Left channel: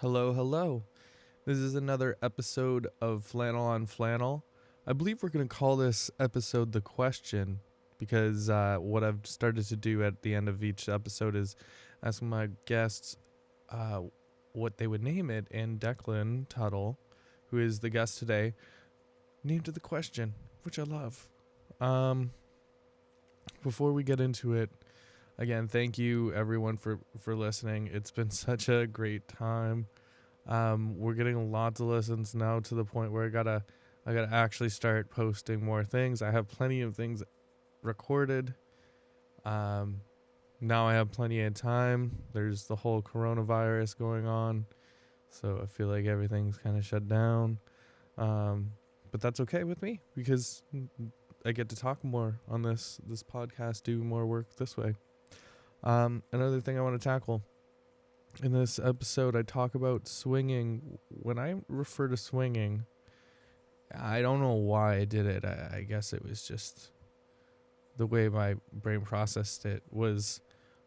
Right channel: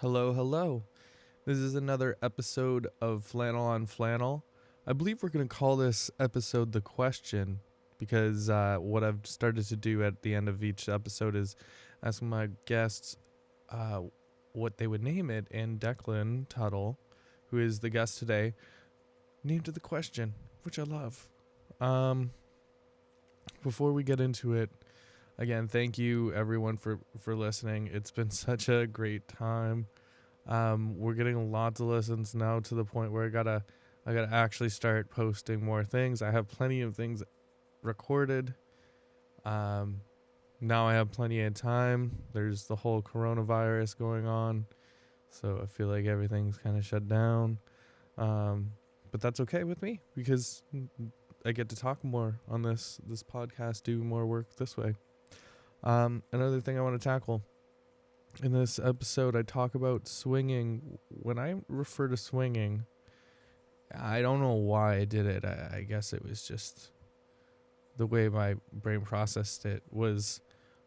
Hello, hello. This is another episode of Flannel on Flannel. I believe we're going to call this episode The Question because what I've started to do at the end of each episode is ask my guests what they would name it, and Declan Tuttle, who is the guest today, named it The Question, which I love. Before we get into it, again, thank you everyone for listening. It's been such a great time. We're getting lots of listens now to the point where I gotta actually start posting more things. I have plenty of things recorded. Now I have plenty of time. There's the whole coronavirus going on, so I feel like everything's kind of shut down. But that's okay with me because I get to talk more on this podcast, do more work this way. Another thing I want to tackle in this episode, I talk about swinging. When I refer to swinging, I don't know why I did it. I guess it was just the way my brain processed it was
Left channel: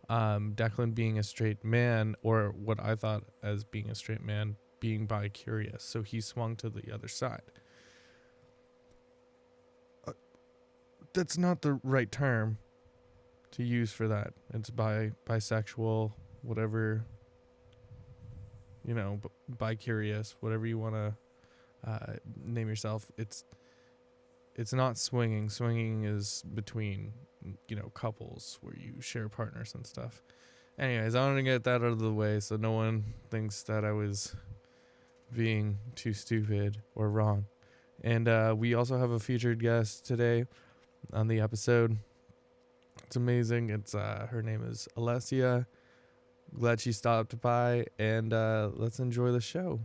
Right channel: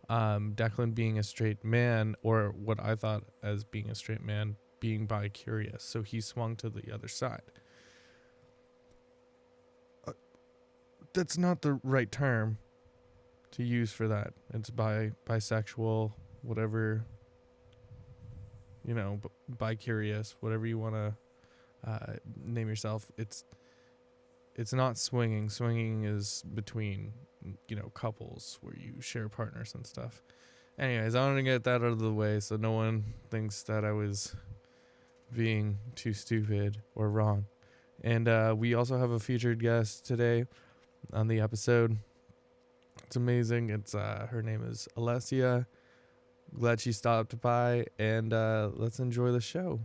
Declan being a straight man, or what I thought as being a straight man, being bi-curious. So he swung to the other side. That's not the right term to use for that. It's bisexual, whatever, bi-curious, whatever you want to name yourself. It's not swinging. Swinging is between, couples where you share partners and stuff. Anyways, I want to get that out of the way so no one thinks that I was being too stupid or wrong. And we also have a featured guest today on the episode. It's amazing. It's her name is Alessia. Glad she stopped by, and let's enjoy the show.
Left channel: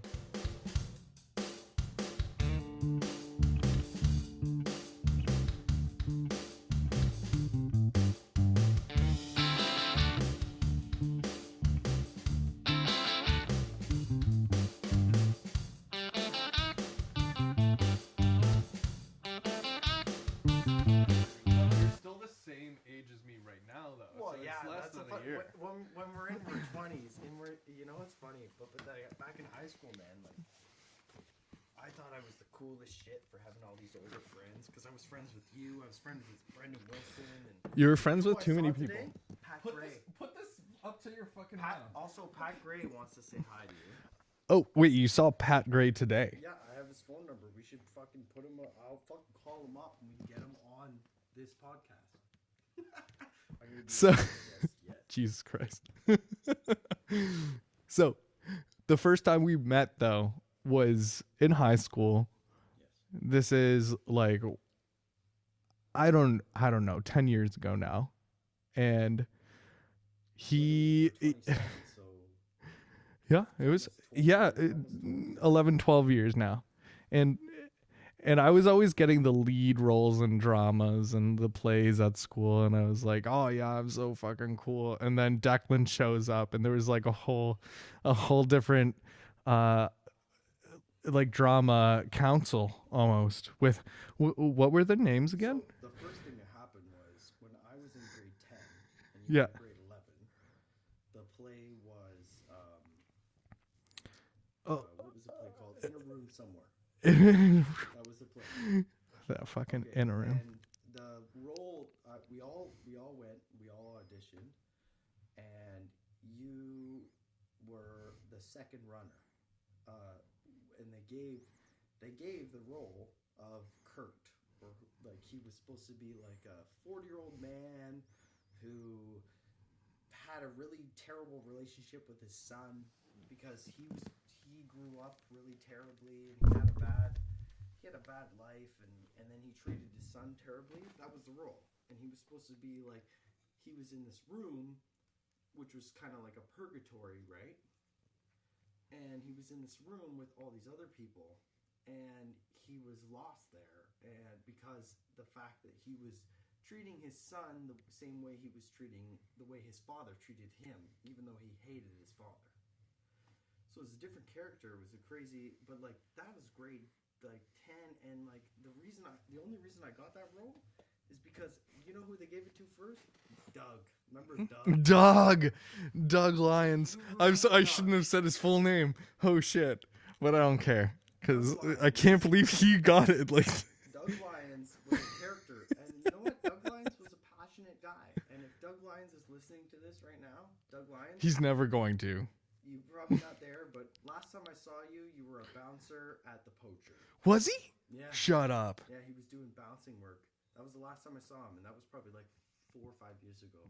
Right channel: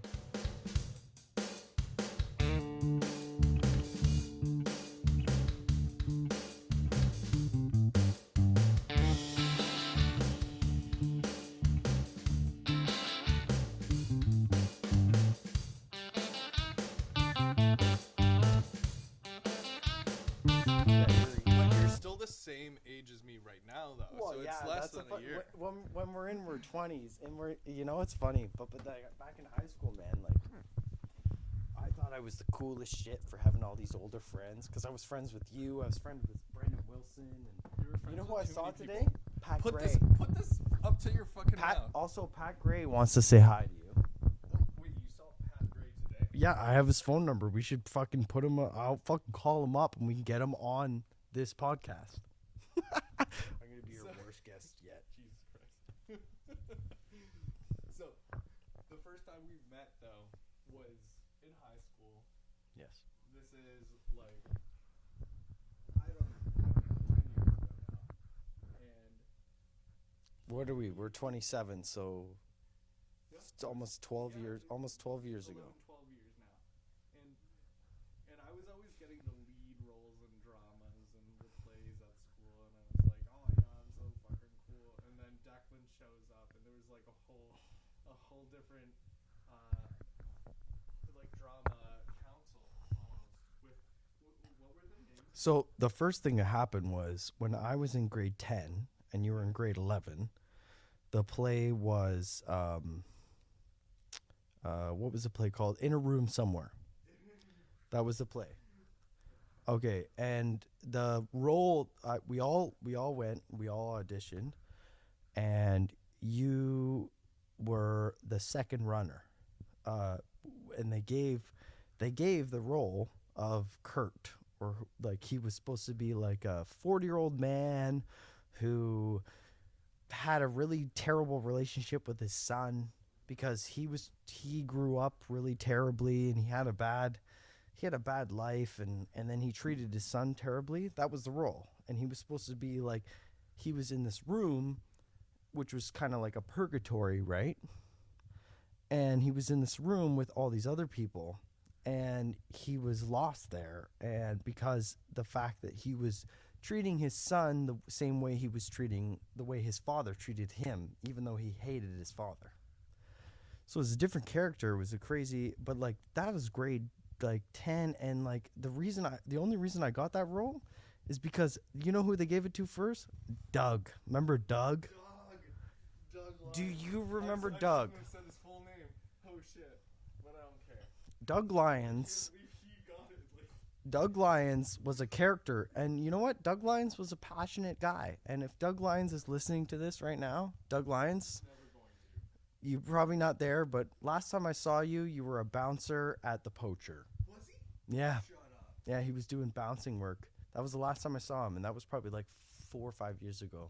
When we're in our 20s, and it's funny, but back in high school, man, like, I thought I was the coolest shit for having all these older friends, because I was friends with you, I was friends with Brendan Wilson, and you were friends with too many people. Today? Pat Gray. Put this up to your fucking mouth. Also, Pat Gray wants to say hi to you. Oh, wait, you saw Pat Gray today? Yeah, I have his phone number. We should fucking put him, I'll fucking call him up, and we can get him on this podcast. So... Jesus Christ. So, the first time we met, though, was in high school. Yes. This is like, I don't know, 10 years ago now. And we're 27, so... Yeah, it was, almost 12 years. 11, 12 years now. And I was always getting the lead roles in dramas and the plays at school, and I was like, oh yeah, I'm so fucking cool. And then Declan shows up, and there was like a whole different like drama council almost with what were the names again? So the first thing that happened was when I was in grade 10 and you were in grade 11, the play was what was the play called? In a Room Somewhere. That was the play. That fucking okay. And the role, we all went, we all auditioned, and you were the second runner. And they gave the role of Kurt, or like he was supposed to be like a 40-year-old man who had a really terrible relationship with his son, because he grew up really terribly, and he had a bad life, and then he treated his son terribly. That was the role. And he was supposed to be like, he was in this room, which was kind of like a purgatory, right? And he was in this room with all these other people, and he was lost there. And because the fact that he was treating his son the same way the way his father treated him, even though he hated his father. So it was a different character. It was a crazy, but like that was grade like 10, and like the only reason I got that role is because you know who they gave it to first? Doug. Remember Doug? Doug Lyons. you I remember shouldn't Doug? have said his full name. Oh shit! But I don't care. Doug 'Cause I Lyons. can't believe he got it. Like, Doug Lyons was a character, and you know what? Doug Lyons was a passionate guy. And if Doug Lyons is listening to this right now, Doug Lyons, he's never going to. you're probably not there, but last time I saw you, you were a bouncer at the Poacher. Was he? Yeah. Shut up. Yeah, he was doing bouncing work. That was the last time I saw him, and that was probably like 4 or 5 years ago.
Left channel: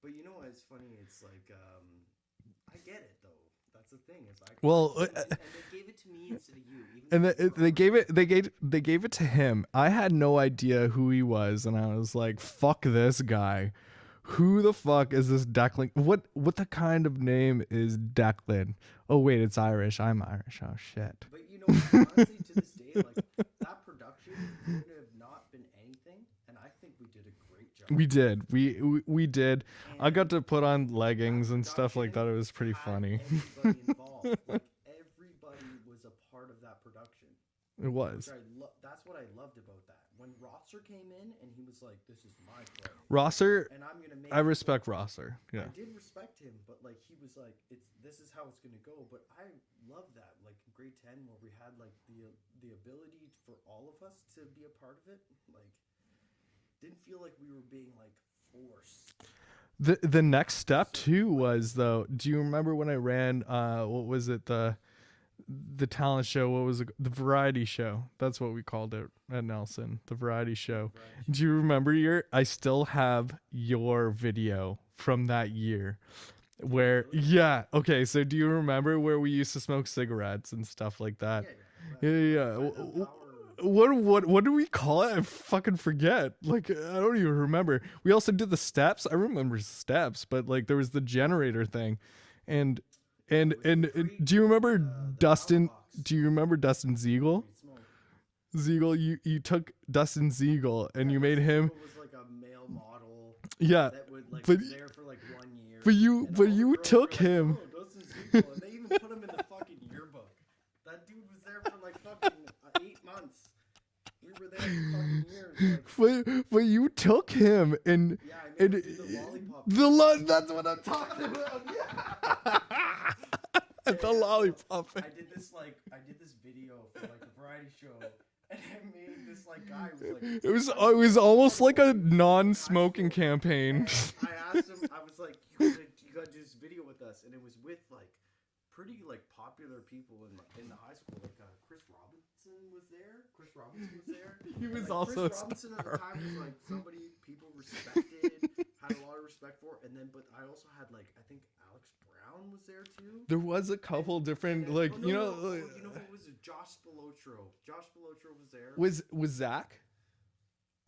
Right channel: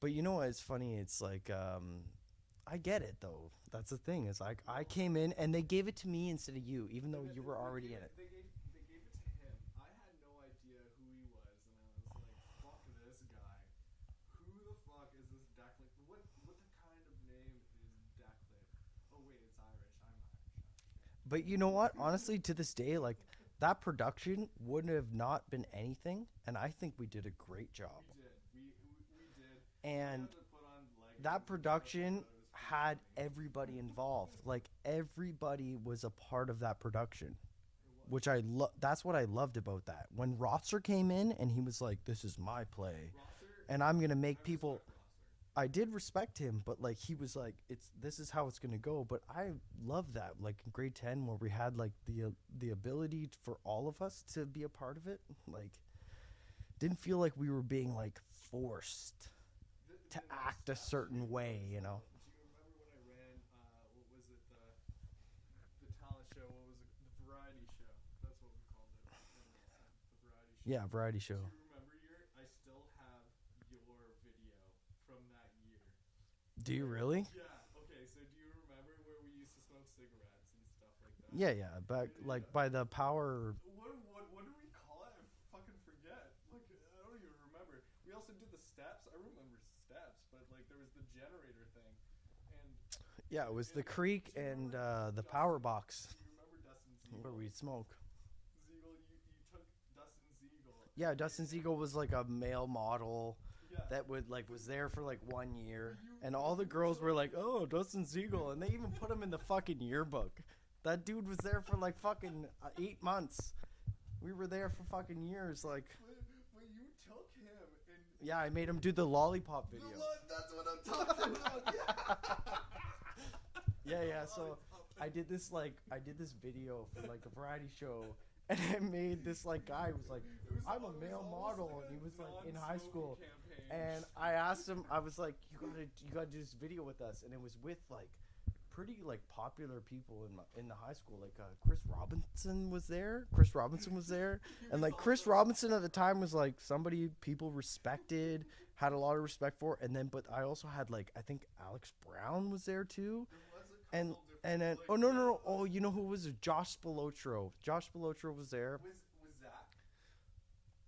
But you know what? It's funny. It's like, I get it though. That's the thing. It's like, Well, I came in and they gave it to me instead of you. Even And though you were already- they gave it to him. I had no idea who he was, and I was like, "Fuck this guy. Who the fuck is this Declan? What the kind of name is Declan? Oh wait, it's Irish. I'm Irish. Oh shit. But you know what? Honestly, to this day, like that production wouldn't have not been anything, and I think we did a great job. We did. We did. I got And to put on that leggings and stuff like that. production It was pretty had funny. Everybody involved, like everybody was a part of that production. It was. Which that's what I loved about that. When Rosser came in and he was like, "This is my play, Rosser. and I'm gonna make." I respect Rosser. Yeah. I did respect him, but like he was like, this is how it's gonna go." But I love that, like in grade 10, where we had like the ability for all of us to be a part of it. Like, didn't feel like we were being like forced. The next step certain too way, was you know? though. Do you remember when I ran? What was it? The talent show. What was it? The variety show. That's what we called it at Nelson. The variety show. Yeah, variety show. Do you remember I still have your video from that year. Do you where really? yeah, okay, so do you remember where we used to smoke cigarettes and stuff like that? Yeah, but Yeah, like, by the w- power. What do we call it? I fucking forget. Like I don't even remember. We also did the steps. I remember steps, but like there was the generator thing. And it was the and creek do you remember and, the power Dustin? box. Do you remember Dustin Ziegel? We'd smoke. Ziegel, you took Dustin Ziegel and Yeah, you made Dustin him. Siegel was like a male model Yeah, that would like but- was there for like 1 year. but you and but all the you girls took were like, him. "Oh, Dustin Siegel," and they even put him in the fucking yearbook. That dude was there for like fucking 8 months. We were there for fucking years. Like, But you took him and yeah, I made him and do the lollipop. that's what I'm talking about. Yeah. Yeah, The yeah, so lollipop. I did this video for like a variety show, and I made this like guy who was like. It was almost like a in high non-smoking school. campaign. And I asked him, I was like, you gotta do this video with us, and it was with like pretty like popular people in the high school. Like Chris Robinson was there. He And was like Chris also a Robinson at the star. time was like somebody people respected, had a lot of respect for. And then, but I also had like I think Alex Brown was there too. There was a couple different And then- like oh, no, you no, know no. Oh, you know who was there? Josh Spilotro. Josh Spilotro was there. was Zach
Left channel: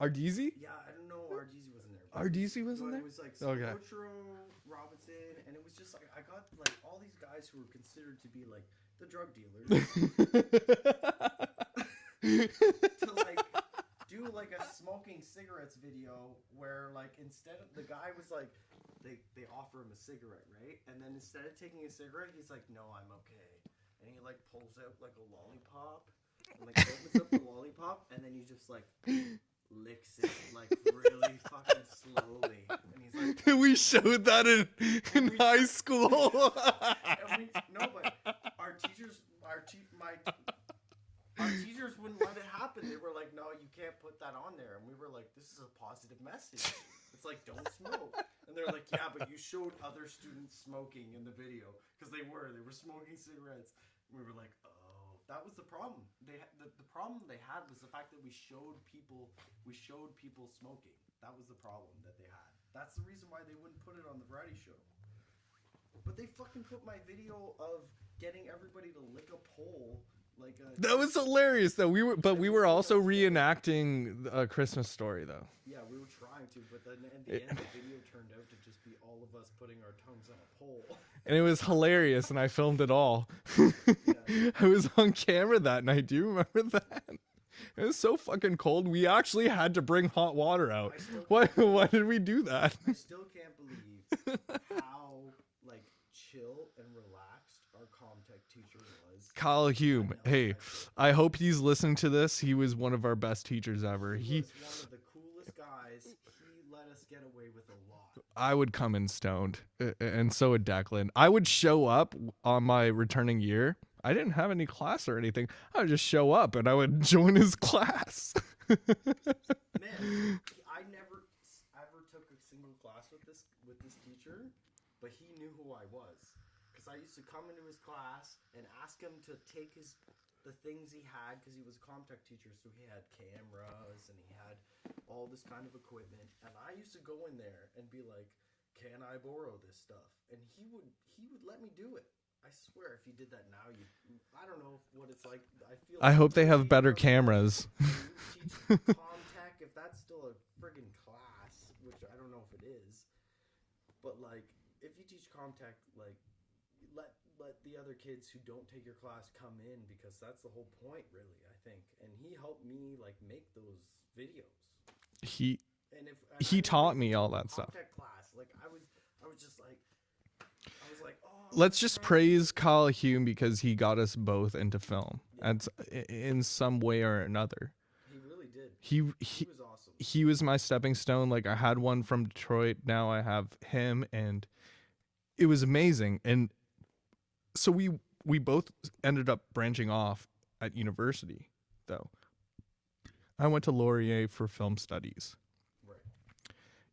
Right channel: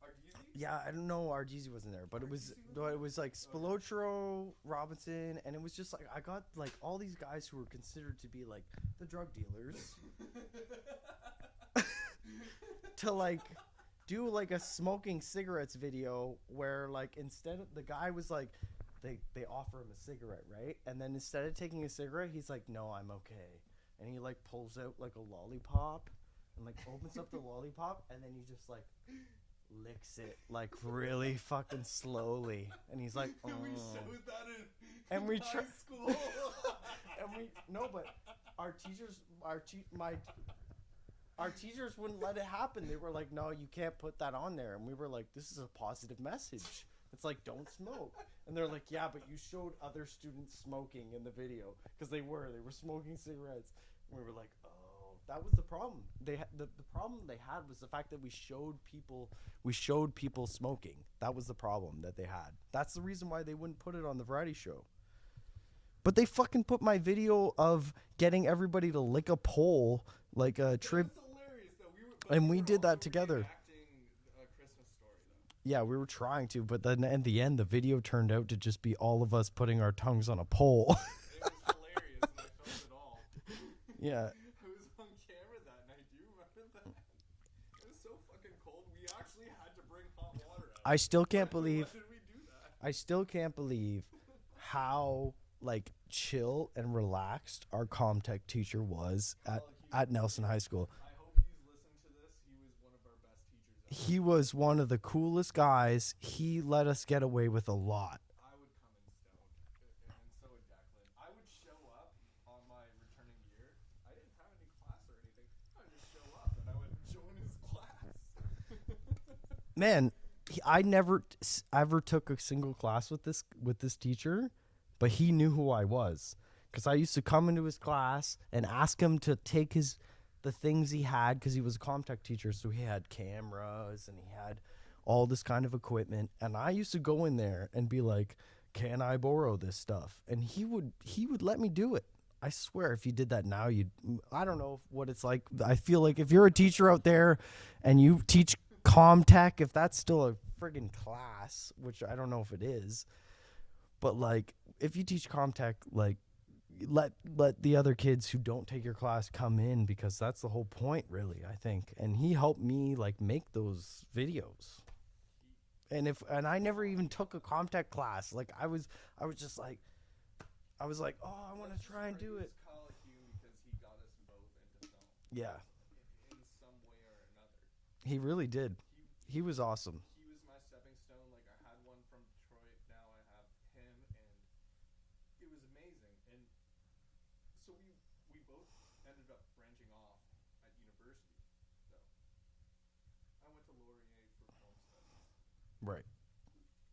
Ardizzi? Yeah, I don't know. Ardizzi wasn't there, but Ardizzi it was, wasn't no, there? It was like Okay. Spilotro, Robinson, and it was just like I got like all these guys who were considered to be like the drug dealers to like do like a smoking cigarettes video where like instead of the guy was like they offer him a cigarette, right? And then instead of taking a cigarette, he's like, "No, I'm okay," and he like pulls out like a lollipop and like opens up the lollipop, and then he just like licks it like really fucking slowly, and he's like, We "Oh." showed that in Every high time- school. No, but our teachers, our teachers wouldn't let it happen. They were like, "No, you can't put that on there," and we were like, "This is a positive message. It's like don't smoke." And they're like, "Yeah, but you showed other students smoking in the video because they were smoking cigarettes." And we were like, "Oh, that was the problem. The problem they had was the fact that we showed people smoking. That was the problem that they had. That's the reason why they wouldn't put it on the variety show." But they fucking put my video of getting everybody to lick a pole like a. That was hilarious though. We were And we we were did also that together. reenacting A Christmas Story though. Yeah, we were trying to, but then in the end, the video turned out to just be all of us putting our tongues on a pole. And it was hilarious and I filmed it all. Yeah. I was on camera that night. Do you remember that? It was so fucking cold. We actually had to bring hot water out. I still Why, can't believe. why did we do that? I still can't believe how like chill and relaxed our Comtech teacher was. Kyle Hume. At Nelson Hey, High School. I hope he's listening to this. He was one of our best teachers ever. He was one of the coolest guys. He let us get away with a lot. I would come in stoned, and so would Declan. I would show up on my returning year. I didn't have any class or anything. I would just show up, and I would join his class. Man, I never ever took a single class with this teacher, but he knew who I was because I used to come into his class and ask him to take the things he had because he was a Comtech teacher, so he had cameras and he had all this kind of equipment, and I used to go in there and be like, "Can I borrow this stuff?" And he would let me do it. I swear, if you did that now, I don't know what it's like. I feel like I hope if you're they a have teacher better out there cameras. and you teach Comtech, if that's still a friggin' class, which I don't know if it is, but like if you teach Comtech, like let the other kids who don't take your class come in, because that's the whole point, really, I think. And he helped me like make those videos. He I taught never me even all took a that stuff. Comtech class. Like I was just like. I was like, oh. Let's just praise Kyle Hume because he got us both into film. Yeah. In some way or another. He really did. He was awesome. He was my stepping stone. Like I had one from Detroit. Now I have him, and it was amazing. And so we both ended up branching off at university, though. I went to Laurier for film studies. Right.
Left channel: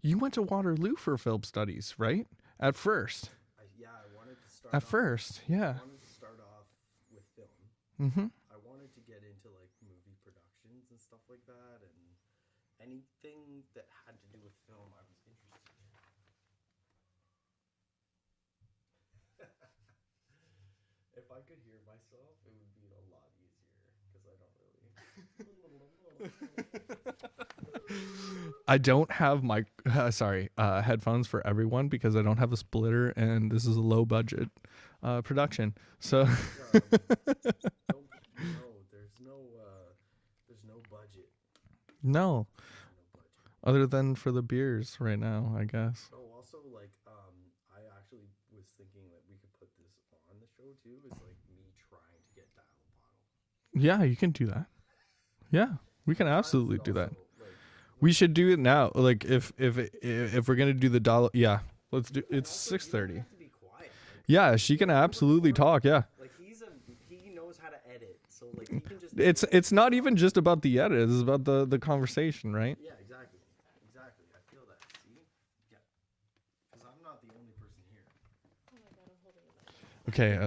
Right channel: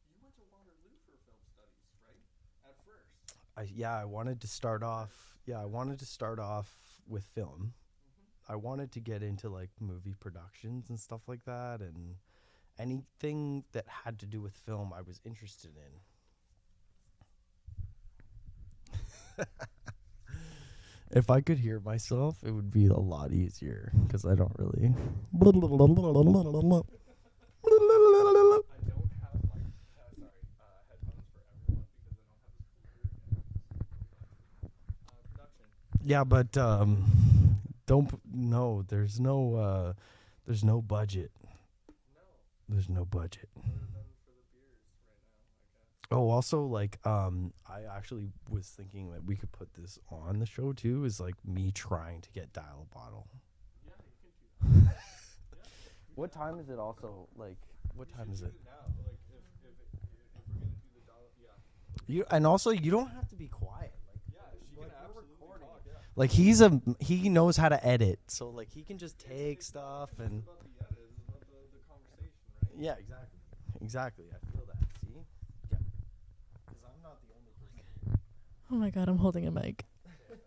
You went to Waterloo for film studies, right? At first. I wanted to start At off. first, yeah. I wanted to start off with film. Mm-hmm. I wanted to get into like movie productions and stuff like that, and anything that had to do with film I was interested in. If I could hear myself, it would be a lot easier because I don't really. I don't have my headphones for everyone because I don't have a splitter, and this is a low budget production. So Yeah, but there's no budget. no, There's no budget. other than for the beers right now, I guess. Oh, also, like, I actually was thinking that we could put this on the show too. Is like me trying to get Dial a Bottle. Yeah, you can do that. Yeah, we can What time is absolutely it do that. also? Like, what We time should is do it now. Like if we're gonna do the dollar, yeah, let's do. And it's also, you don't 6:30. have to be quiet. Yeah, she can absolutely talk. Yeah, Like he knows how to edit, so like he can just. it's not even just about the edit. It's about the conversation, right? Yeah, exactly. I feel that. See, yeah, because I'm not the only person here. Oh my god, I'm holding a mic. Okay,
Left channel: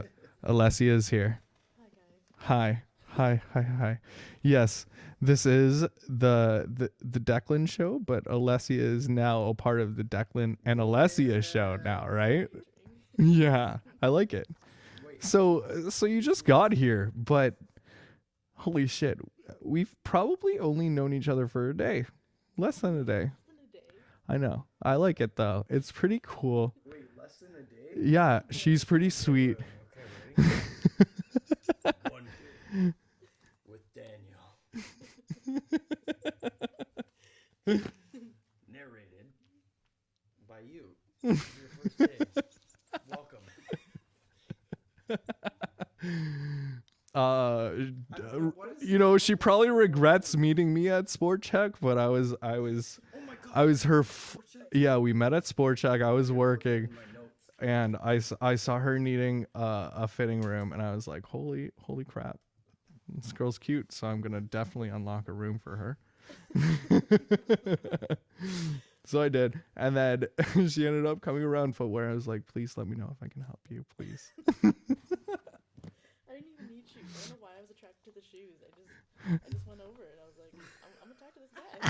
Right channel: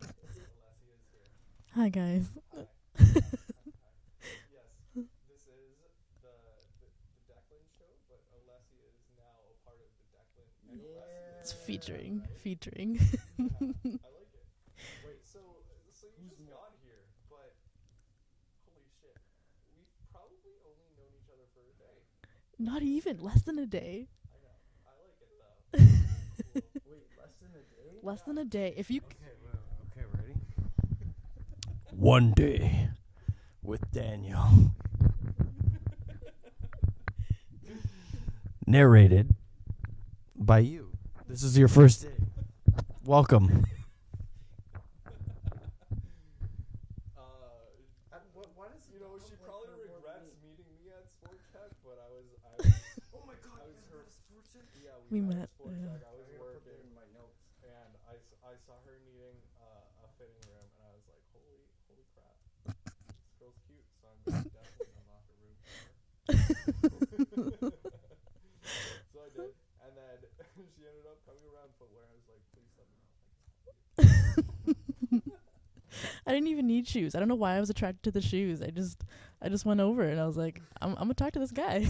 Alessia is here. Hi guys. Hi. Hi. Yes, this is the Declan show, but Alessia is now a part of the Declan and Alessia show now, right? Featuring. Yeah, I like it. So you just got here, but holy shit, we've probably only known each other for a day, less Not than a even, day. Less than a day. I know. I like it though. It's pretty cool. Wait, less than a day? Yeah, than a day. she's If you- pretty sweet. Okay, ready? One day with Daniel. Narrated by you. This is your first day. Welcome. She probably regrets meeting me at Sport Check, but I was her. Yeah, we met at Sport Check. I was working, and I saw her needing a fitting room, and I was like, holy crap, this girl's cute. So I'm gonna definitely unlock a room for her. So I did, and then she ended up coming around footwear. I was like, please let me know if I can help you. I didn't even need shoes. I don't know why I was attracted to the shoes. I just went over and I was like, I'm gonna talk to this guy.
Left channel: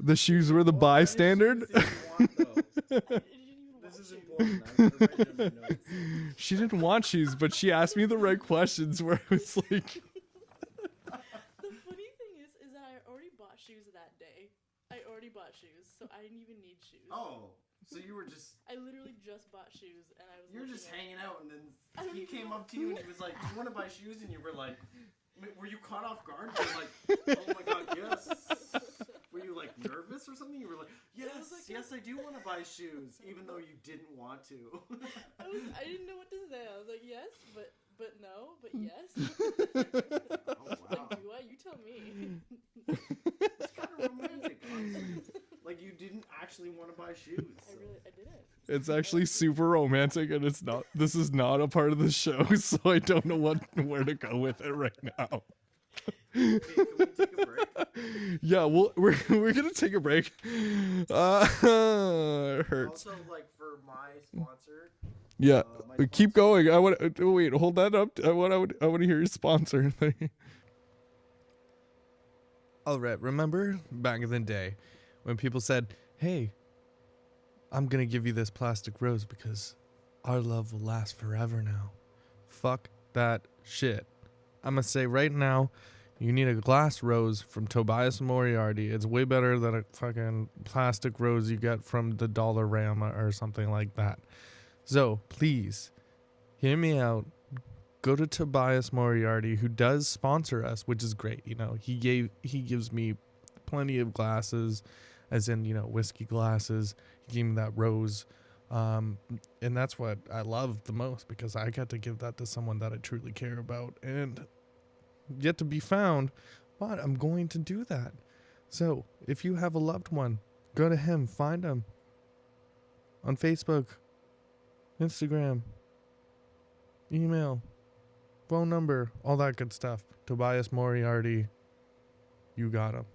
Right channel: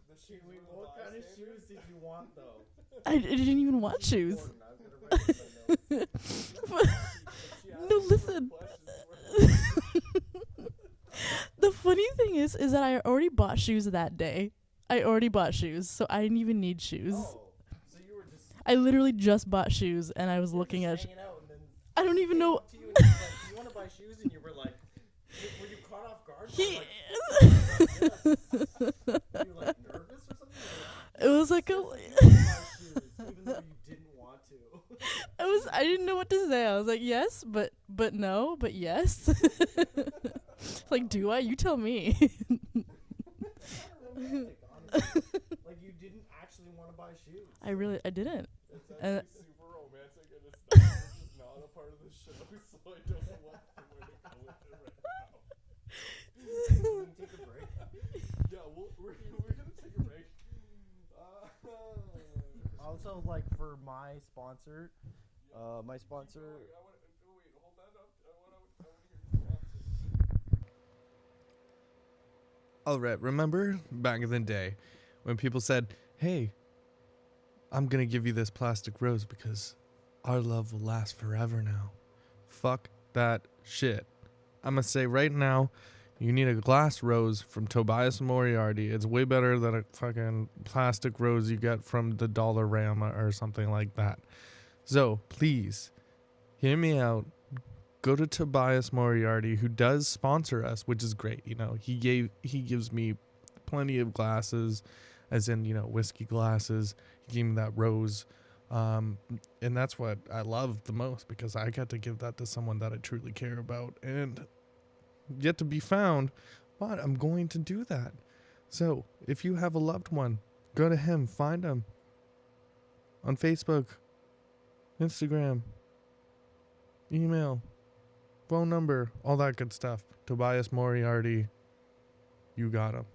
The shoes were the bystander. I didn't even want shoes. She didn't want shoes, but she asked me the right Listen. questions where I was like, The funny thing is that I already bought shoes that day. I already bought shoes, so I didn't even need shoes. So you were just I literally just bought shoes, and I was looking at. hanging out, and then I don't even know. to you and was like, "You want to buy shoes?" And you were like, "Were you caught off guard?" You were like, "Oh my God, yes." Were you like nervous or something? You were like, It was like yes, a. I do want to buy shoes, even though you didn't want to. I didn't know what to say. I was like, yes, but no, but yes. Like, do I? You tell me. It's kind of romantic, honestly. Like you didn't actually want to buy shoes. I didn't. It's actually super romantic, and it's not. This is not a part of the show, so I don't know where to go with it right now. Take a break. Yeah, we're gonna take a break. It hurts. Also, like for my sponsor. Yeah, My keep sponsor- going. I want wait. Hold that up. I want to hear your sponsor thing. All right. Remember back in the day when people said, "Hey, I'm gonna give you this plastic rose because our love will last forever now." Fuck that shit. I'm gonna say right now, you need a glass rose from Tobias Moriarty. It's way better than a fucking plastic rose you get from the Dollarama or something like that. So please, hear me out. Go to Tobias Moriarty, who does sponsor us, which is great. You know, he gives me plenty of glasses, as in, you know, whiskey glasses. He gave me that rose. And that's what I love the most, because I get to give that to someone that I truly care about and yet to be found. But I'm going to do that. So if you have a loved one, go to him, find him on Facebook, Instagram, email, phone number, all that good stuff. Tobias Moriarty, you got him.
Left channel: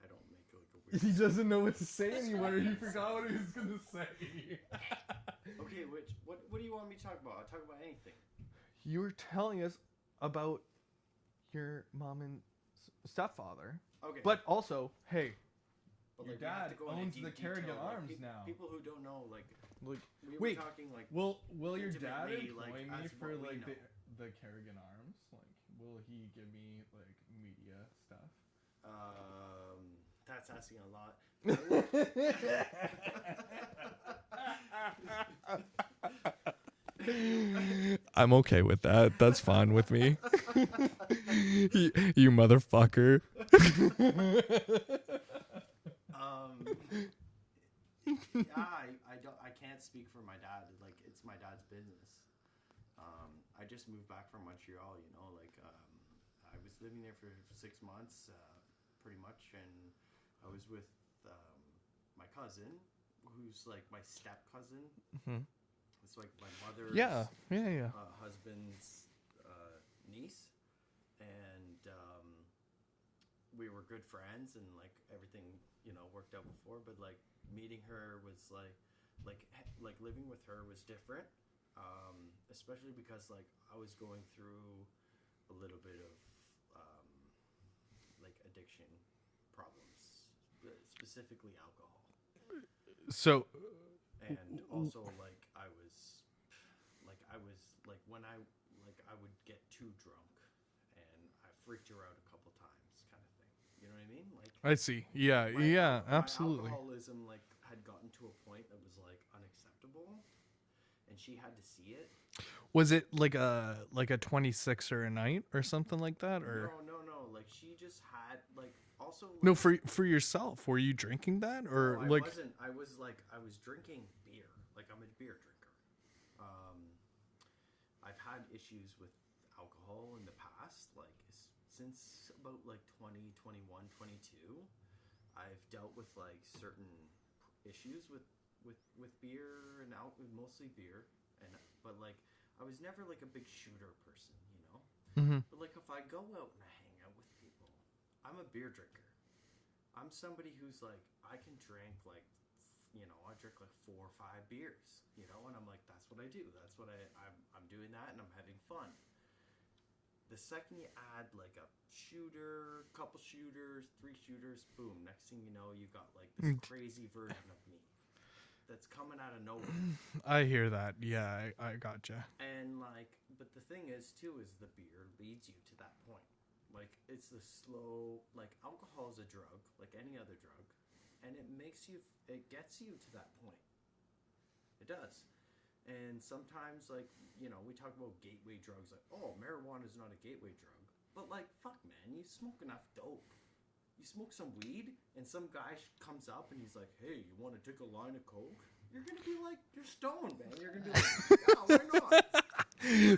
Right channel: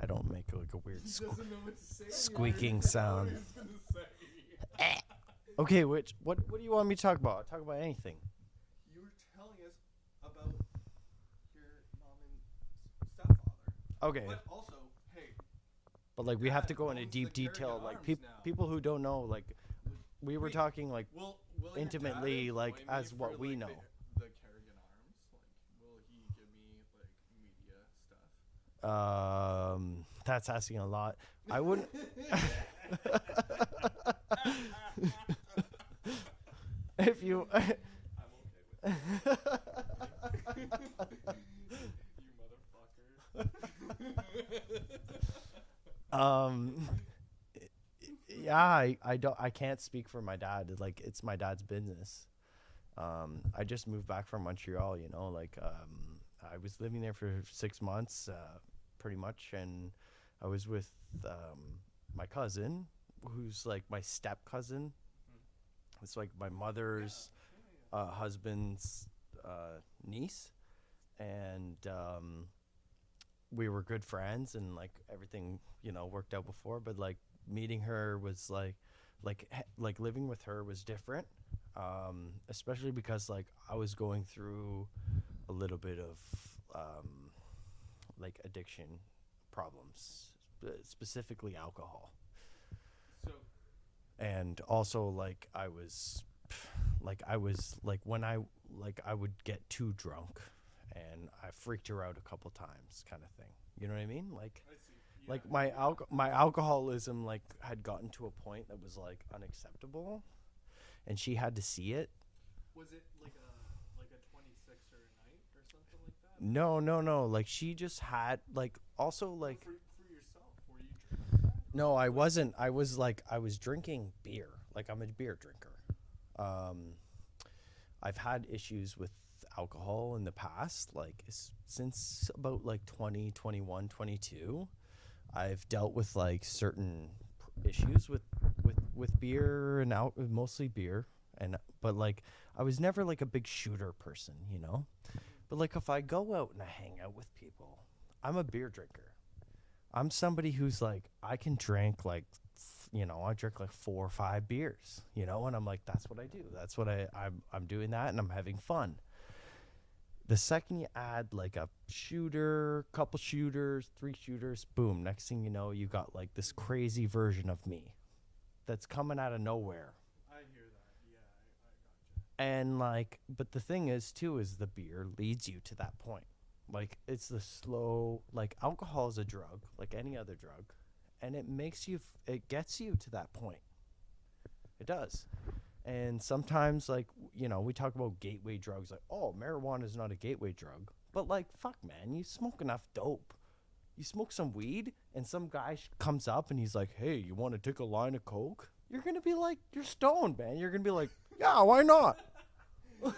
I don't make like a weird. doesn't know what to say Squeaking sound. Okay, what do you want me to talk about? I'll talk about anything. You were telling us about your mom and stepfather. Okay, But also, hey, but like Your we have dad to go into owns deep the Carrigan detail. Like Arms now. people who don't know, like we were Wait, talking like will your intimately, dad like, employ me as for, what we like, know. the Carrigan Arms? Like, will he give me like media stuff? that's asking a lot. I would. If you, I'm okay with that. That's fine with me. you motherfucker. yeah, I can't speak for my dad. Like it's my dad's business. I just moved back from Montreal, you know, like I was living there for 6 months, pretty much, and I was with my cousin, who's like my step cousin. Mm-hmm. It's like my mother's Yeah. husband's niece, and we were good friends, and like everything, you know, worked out before. But like meeting her was like living with her was different, especially because like I was going through a little bit of like addiction problems, specifically alcohol. So And also like I was when I would get too drunk and I freaked her out a couple times, kind of thing. You know what I mean? Like I see. Yeah, my absolutely. alcoholism like had gotten to a point that was like unacceptable, and she had to see it. Was it like a 26er a night or something like that? Or? No. Like she just had like also like No, for yourself. Were you drinking that? Or no, I like, wasn't. I was drinking beer. Like I'm a beer drinker. I've had issues with alcohol in the past, like since about like 2021, 22. I've dealt with like certain issues with beer and mostly beer, but like I was never like a big shooter person, you know. Mm-hmm. But like if I go out and I hang out with people, I'm a beer drinker. I'm somebody who's like I can drink like you know, I drink like 4 or 5 beers, you know, and I'm like that's what I do. That's what I'm doing that, and I'm having fun. The second you add like a shooter, couple shooters, 3 shooters, boom, next thing you know, you got like this crazy version of me that's coming out of nowhere. I hear that. Yeah, I gotcha. And like, but the thing is too, is the beer leads you to that point. Like it's the slow, like alcohol is a drug, like any other drug. And it makes you, it gets you to that point. It does. And sometimes like, you know, we talk about gateway drugs, like, oh, marijuana is not a gateway drug. But like, fuck man, you smoke enough dope. you smoke some weed and some guy comes up and he's like, hey, you want to take a line of coke? You're gonna be like, you're stoned, man. You're gonna be like, yeah, why not?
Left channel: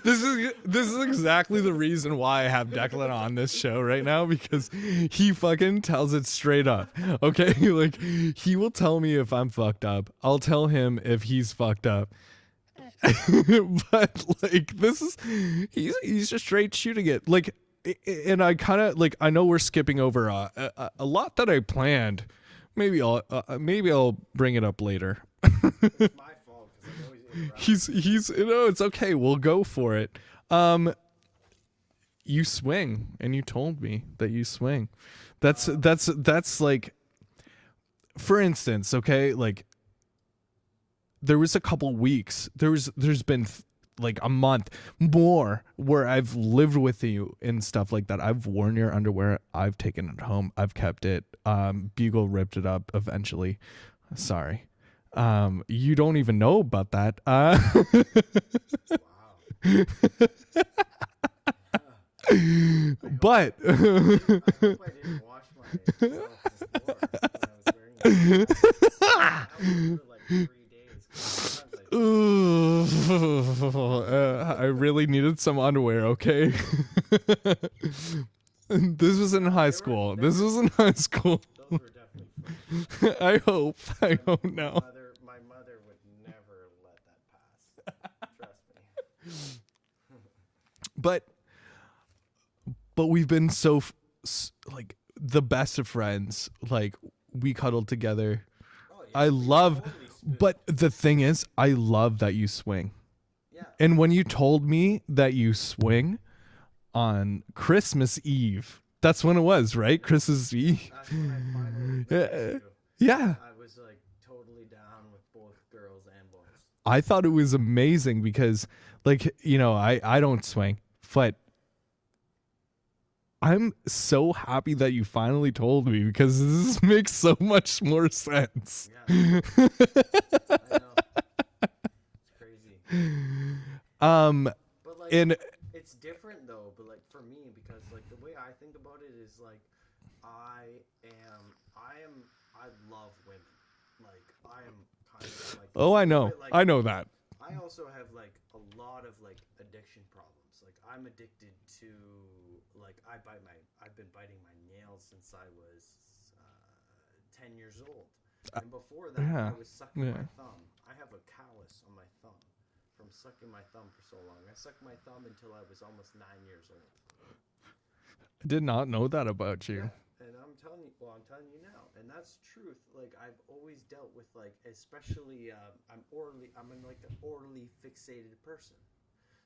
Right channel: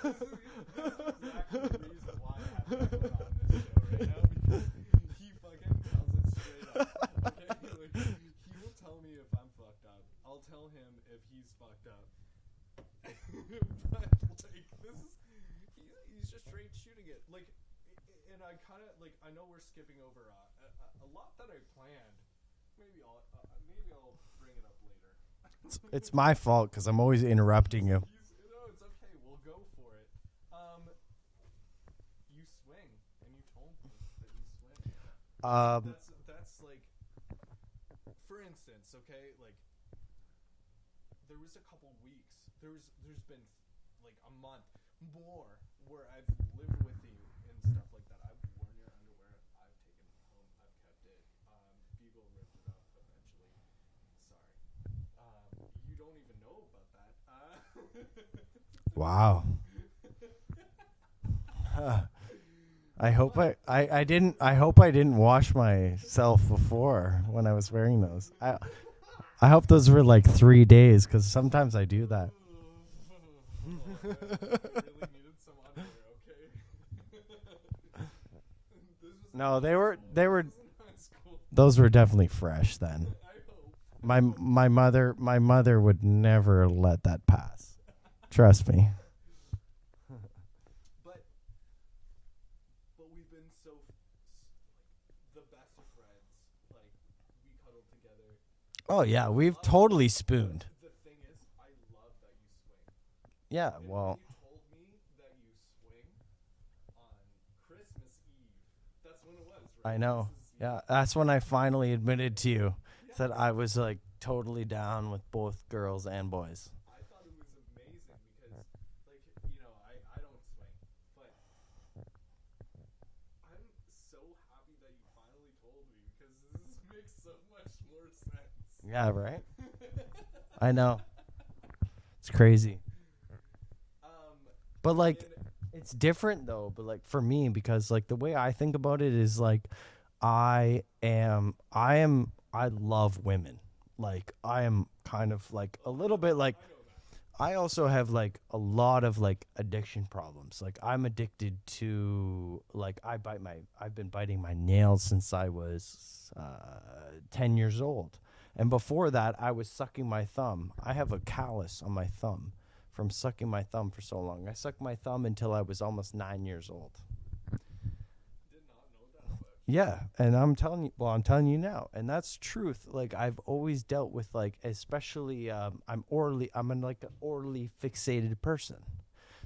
This is exactly the reason why I have Declan on this show right now, because he fucking tells it straight up. Okay, like he will tell me if I'm fucked up. I'll tell him if he's fucked up. But like he's just straight shooting it. Like, and I kind of like, I know we're skipping over a lot that I planned. Maybe I'll bring it up later. It's my fault because I'm always interrupting him. It's okay. We'll go for it. You swing, and you told me that you swing. That's like, for instance, okay, like there was a couple weeks. There's been like a month more where I've lived with you and stuff like that. I've worn your underwear. I've taken it home. I've kept it. Bugle ripped it up eventually. Sorry. You don't even know about that. Wow. I hope I didn't. I hope I didn't wash myself before when I was wearing them. I hope those were like 3 days because sometimes I do that. I really needed some underwear. Okay. This was in high school. This was in high school. Those were definitely fresh then. I hope. My mother would never let that pass. Trust me. But we've been so like the best of friends. Like we cuddled together. Oh yeah, we've totally spooned. But the thing is, I love that you swing. Yeah. And when you told me that you swing on Christmas Eve, that's when it was, right? Christmas Eve. That's when I finally admitted to you. Yeah. That I was like totally down with both girls and boys. I thought it was amazing because, like, you know, I don't swing, but I'm so happy that you finally told me because this makes so much more sense. Yeah, man. I know. It's crazy. But like, it's different though. But like for me, because like the way I think about it is like, I love women. Like I am kind of like. I know. I know that. I also have like a lot of like addiction problems. Like I'm addicted to like I've been biting my nails since I was 10 years old. And before that, I was sucking my thumb. I have a callus on my thumb from sucking my thumb for so long. I sucked my thumb until I was almost 9 years old. I did not know that about you. Yeah, and I'm telling you now, and that's truth. Like I've always dealt with like, especially I'm like an orally fixated person,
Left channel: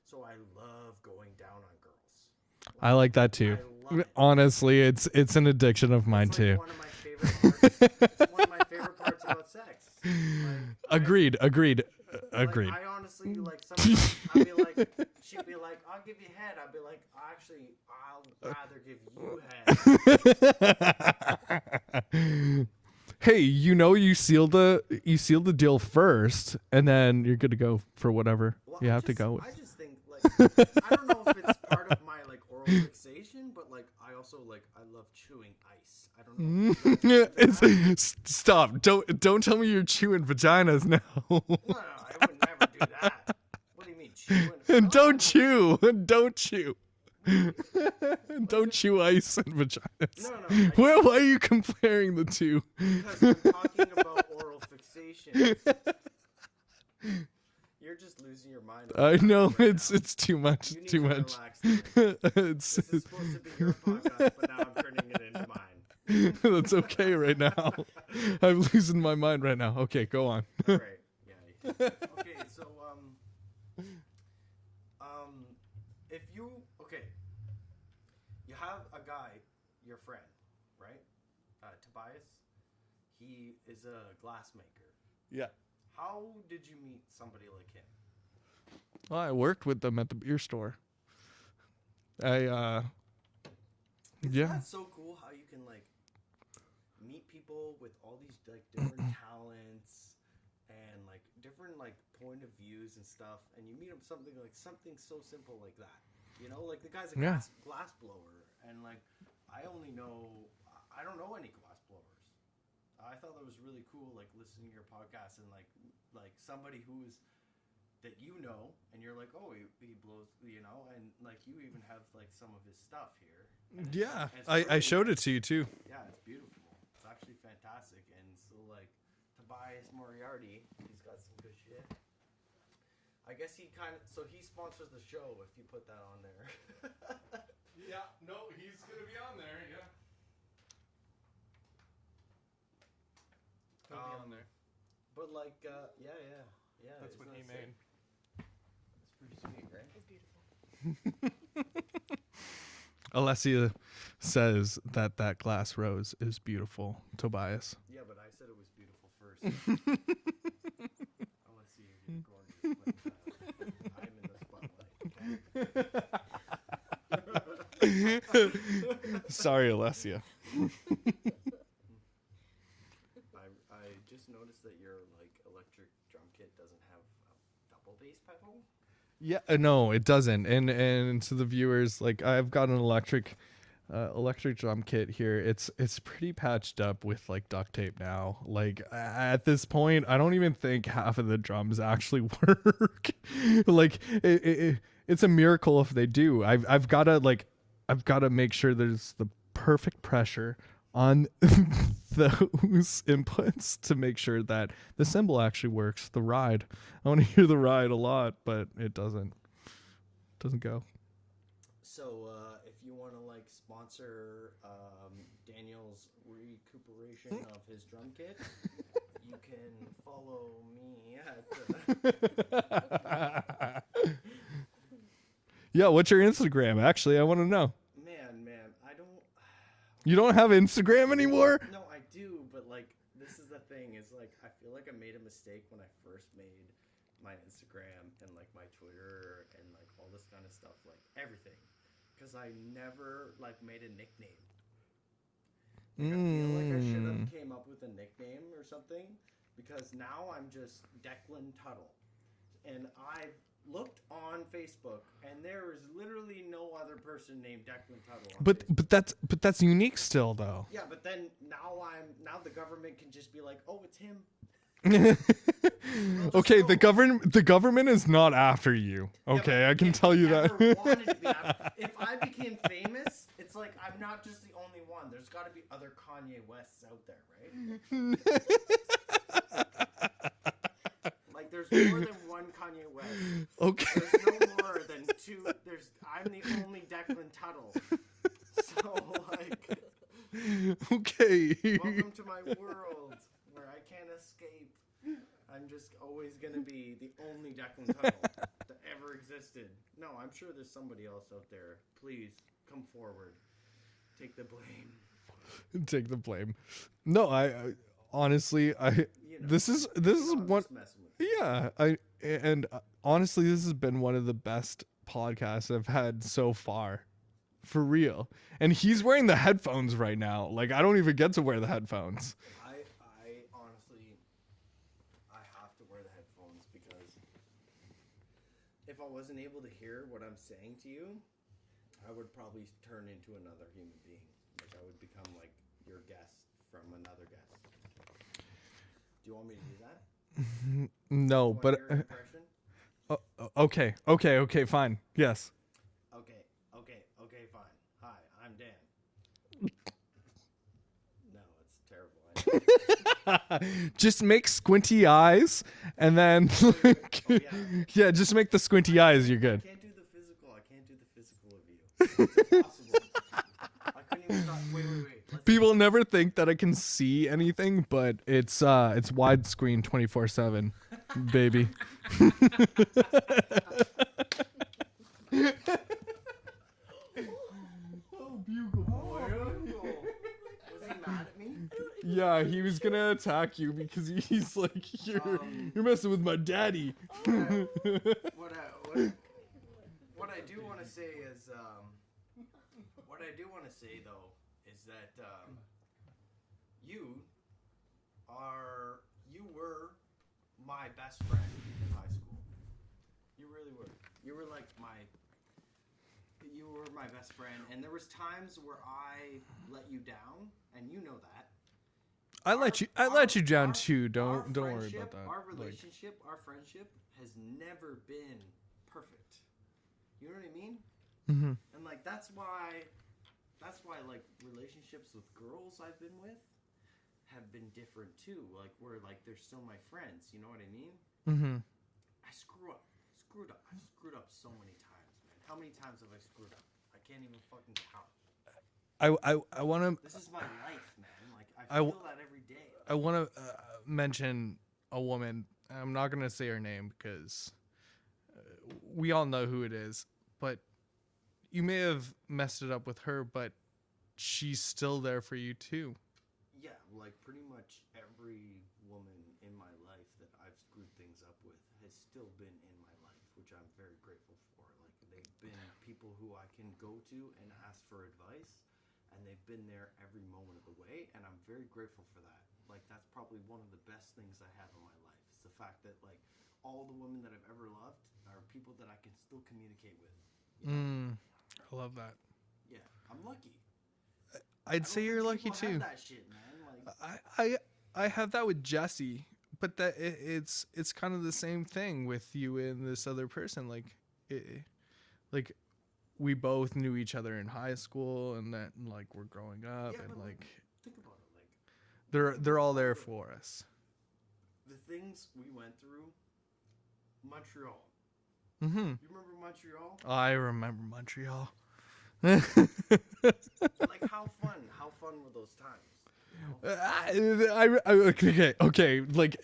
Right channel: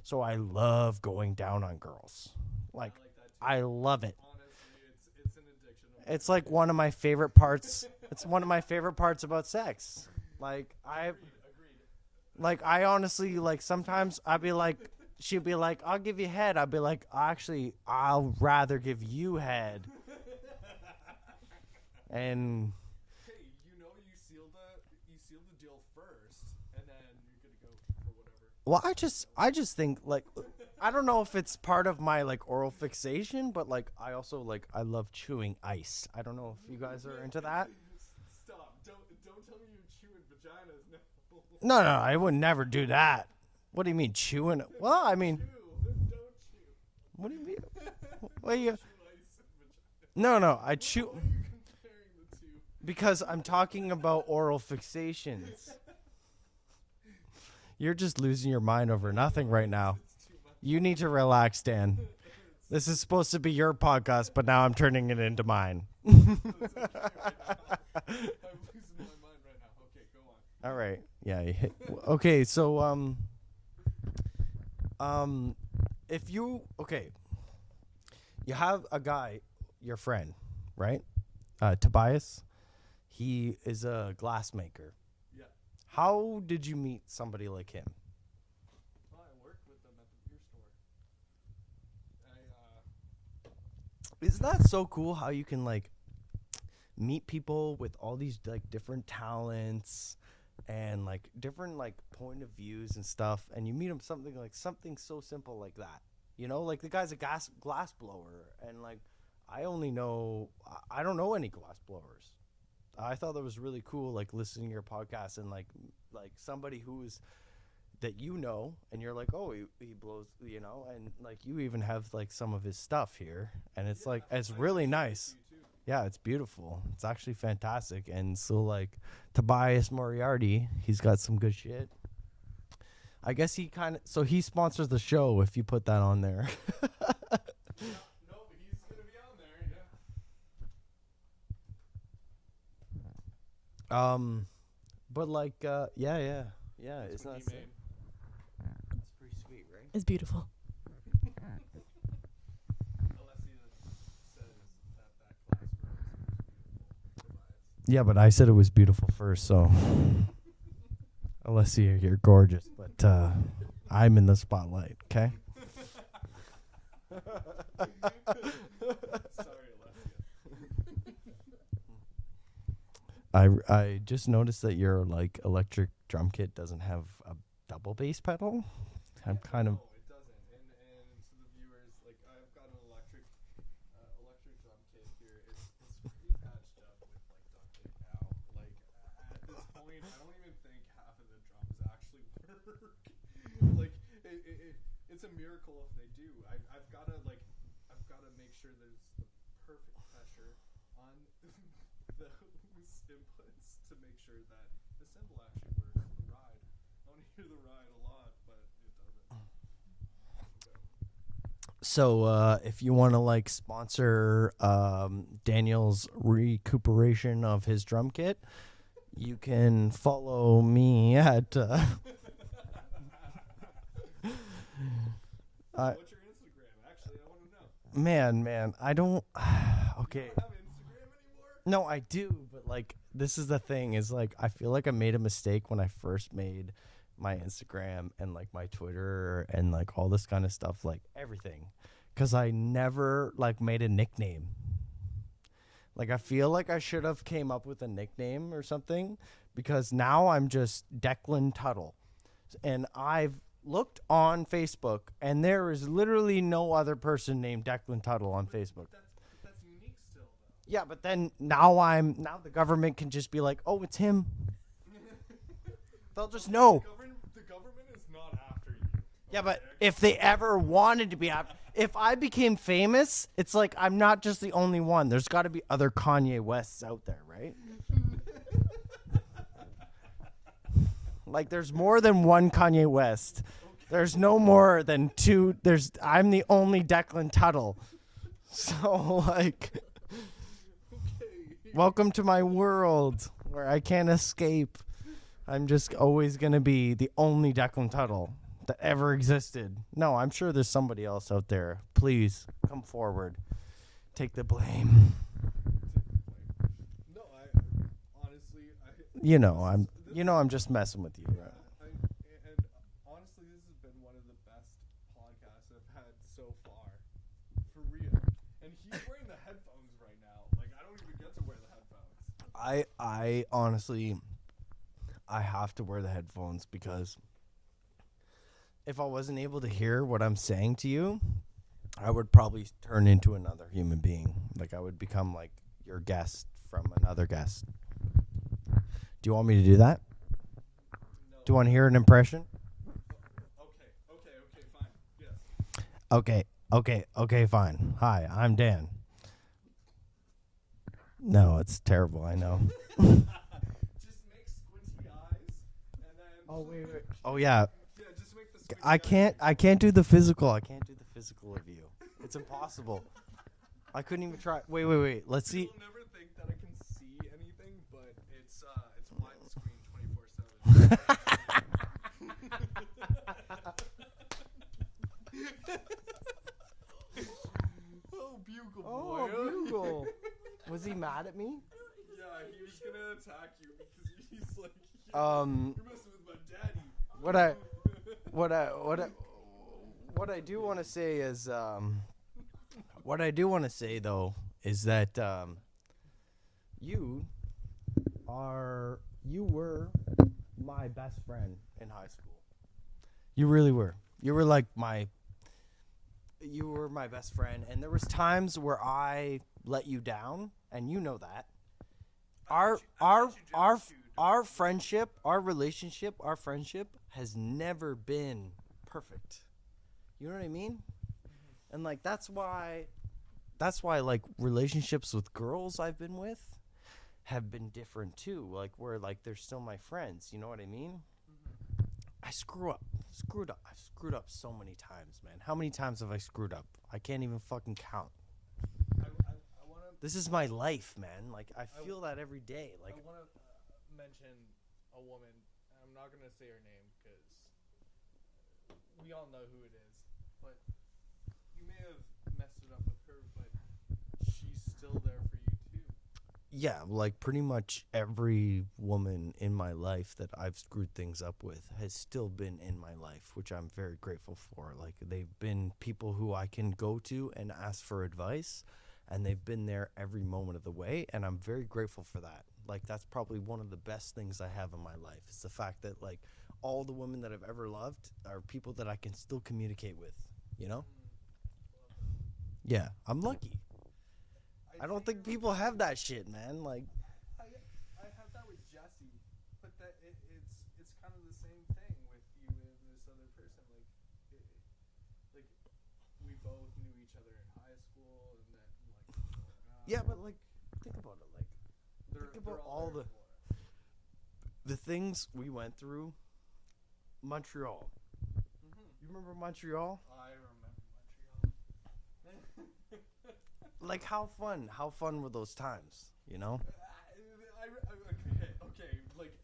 so I love going down on girls. Like, I like that too. I love it. Honestly, it's an addiction of mine too. It's like one of my favorite parts. It's one of my favorite parts about sex. Like agreed. Like I honestly like sometimes I'd be like, she'd be like, I'll give you head. I'd be like, actually, I'll rather give you head. And hey, you seal the deal first, and then you're good to go for whatever. Well, you have to go. I just think like I don't know if it's part of my like oral fixation, but like I also like I love chewing ice. I don't know. If you guys are into that. Stop! Don't tell me you're chewing vaginas now. No, I would never do that. What do you mean chewing? Don't chew. Don't chew. What do you mean? Don't chew ice and vaginas. No. Why are you comparing the two? Because I'm talking about oral fixations. You're just losing your mind over nothing right now. It's too much. You need to relax, Dan. This is supposed to be your podcast, but now I'm turning it into mine. That's okay right now. I'm losing my mind right now. Okay, go on. All right. Yeah. Okay. So if you have a guy, your friend, right? Tobias. He is a glass maker. Yeah. How did you meet somebody like him? Well, I worked with them at the beer store. Isn't that so cool how you can like meet people with all these like different talents and like different like point of views and stuff, and you meet them something so simple like that. You know, like the guy's a glass blower, and like I only know, I don't know any glass blowers. I thought that was really cool, like listening to your podcast and like somebody who's that you know, and you're like, oh, he blows, you know, and like you even have like some of his stuff here, and it's like it's really I showed nice. it to you too. Yeah, it's beautiful. It's actually fantastic, and so like Tobias Moriarty, he's got some good shit. I guess he he sponsors the show if you put that on there. Yeah, no, he's gonna be on there. Yeah. But like, yeah, it's not. What he made. It's pretty sweet, right? It's beautiful. Alessia says that glass rose is beautiful, Tobias. Yeah, but I said it was beautiful first, so. Alessia, you're gorgeous, but I'm in the spotlight. Okay. Sorry, Alessia. I just noticed that your like electric drum kit doesn't have a double bass pedal. Yeah, no, it doesn't. And to the viewers, like I've got an electric drum kit here. It's pretty patched up with like duct tape now. Like at this point, I don't even think half of the drums actually work. Like it's a miracle if they do. I've got to make sure there's the perfect pressure on those inputs to make sure that the cymbal actually works. The ride. I want to hear the ride a lot, but it doesn't go. So if you want to like sponsor Daniel's recuperation of his drum kit, you can follow me at yeah, what's your Instagram? Actually, I want to know. man, I don't You don't have Instagram anymore? No, I do, but like this is the thing is like I feel like I made a mistake when I first made my Instagram and like my Twitter and like all this kind of stuff, like everything, because I never like made a nickname. Like I feel like I should have came up with a nickname or something, because now I'm just Declan Tuttle, and I've looked on Facebook and there is literally no other person named Declan Tuttle on Facebook. But that's unique still though. Yeah, but then now the government can just be like, oh, it's him. Okay, the government is not after you. Okay, yeah, I can if tell they you ever that. wanted to be after, if I became famous, it's like I'm not just the only one. There's got to be other Kanye Wests out there, right? Like there's more than one Kanye West. Okay. There's no more than two. I'm the only Declan Tuttle. So like, Okay. welcome to my world where I can't escape. I'm just always going to be the only Declan Tuttle that ever existed. No, I'm sure there's somebody else out there. Please come forward. Take the blame. Take the blame. No, I honestly, You know, this is I'm one- just messing with you. Yeah, honestly, this has been one of the best podcasts I've had so far, for real. And he's wearing the headphones right now. Like I don't even get to wear the headphones. I honestly, I have to wear the headphones because if I wasn't able to hear what I'm saying to you, I would probably turn into another human being. Like I would become like your guest from another guest. Do you want me to do that? No. Do you want to but- hear an impression? Okay, fine. Yes. Okay, fine. Hi, I'm Dan. No, it's terrible, I know. Just make squinty eyes, and then. Oh, yeah. Yeah, just make the squinty eyes. You're good. I can't do the physical. I can't do the physical of you. It's impossible. I couldn't even try. Wait. Let's People see. never think that I can see anything, but it's widescreen 24/7, baby. Oh, bugle boy. Bugle. Was he mad at me? Yeah, he was gonna attack you because he's like, you're messing with my daddy. What I do want to say is, what I do want to say though is that you were my best friend in high school. You really were. You were like you were my best friend, and there was times where I let you down, and you know that. I let you down too. Don't our don't worry about friendship, that. our relationship, our friendship has never been perfect. You know what I mean? Mm-hmm. And like that's why like relationships with girls I've been with have been different too. Like where like they're still my friends. You know what I mean? Mm-hmm. I screwed up. I've screwed up so many times, man. How many times have I screwed up? I can't even fucking count. I want to. This is my life, man. Like I feel that every day. Like, I want to mention a woman. I'm not gonna say her name because we all know who it is. But you may have messed it up with her, but she's still there for you too. yeah, like pretty much every woman in my life that I've screwed things up with has still been in my life, which I'm very grateful for. Like they've been people who I can go to and ask for advice, and they've been there every moment of the way, and I'm very grateful for that. Like that's probably one of the best things I have in my life. It's the fact that like all the women that I've ever loved are people that I can still communicate with, you know? I love that. Yeah, I'm lucky. I'd I don't say think you're lucky people too. have that shit, man. Like I have that with Jesse, but that it's kind of the same thing with you and this other person. Like we both knew each other in high school, and that like we're growing up. Yeah, and but like think about it. Like they're all there the- for us. the things we went through. Montreal. Mm-hmm. You remember Montreal? I remember Montreal. Like how fun were those times? You know? Okay. Like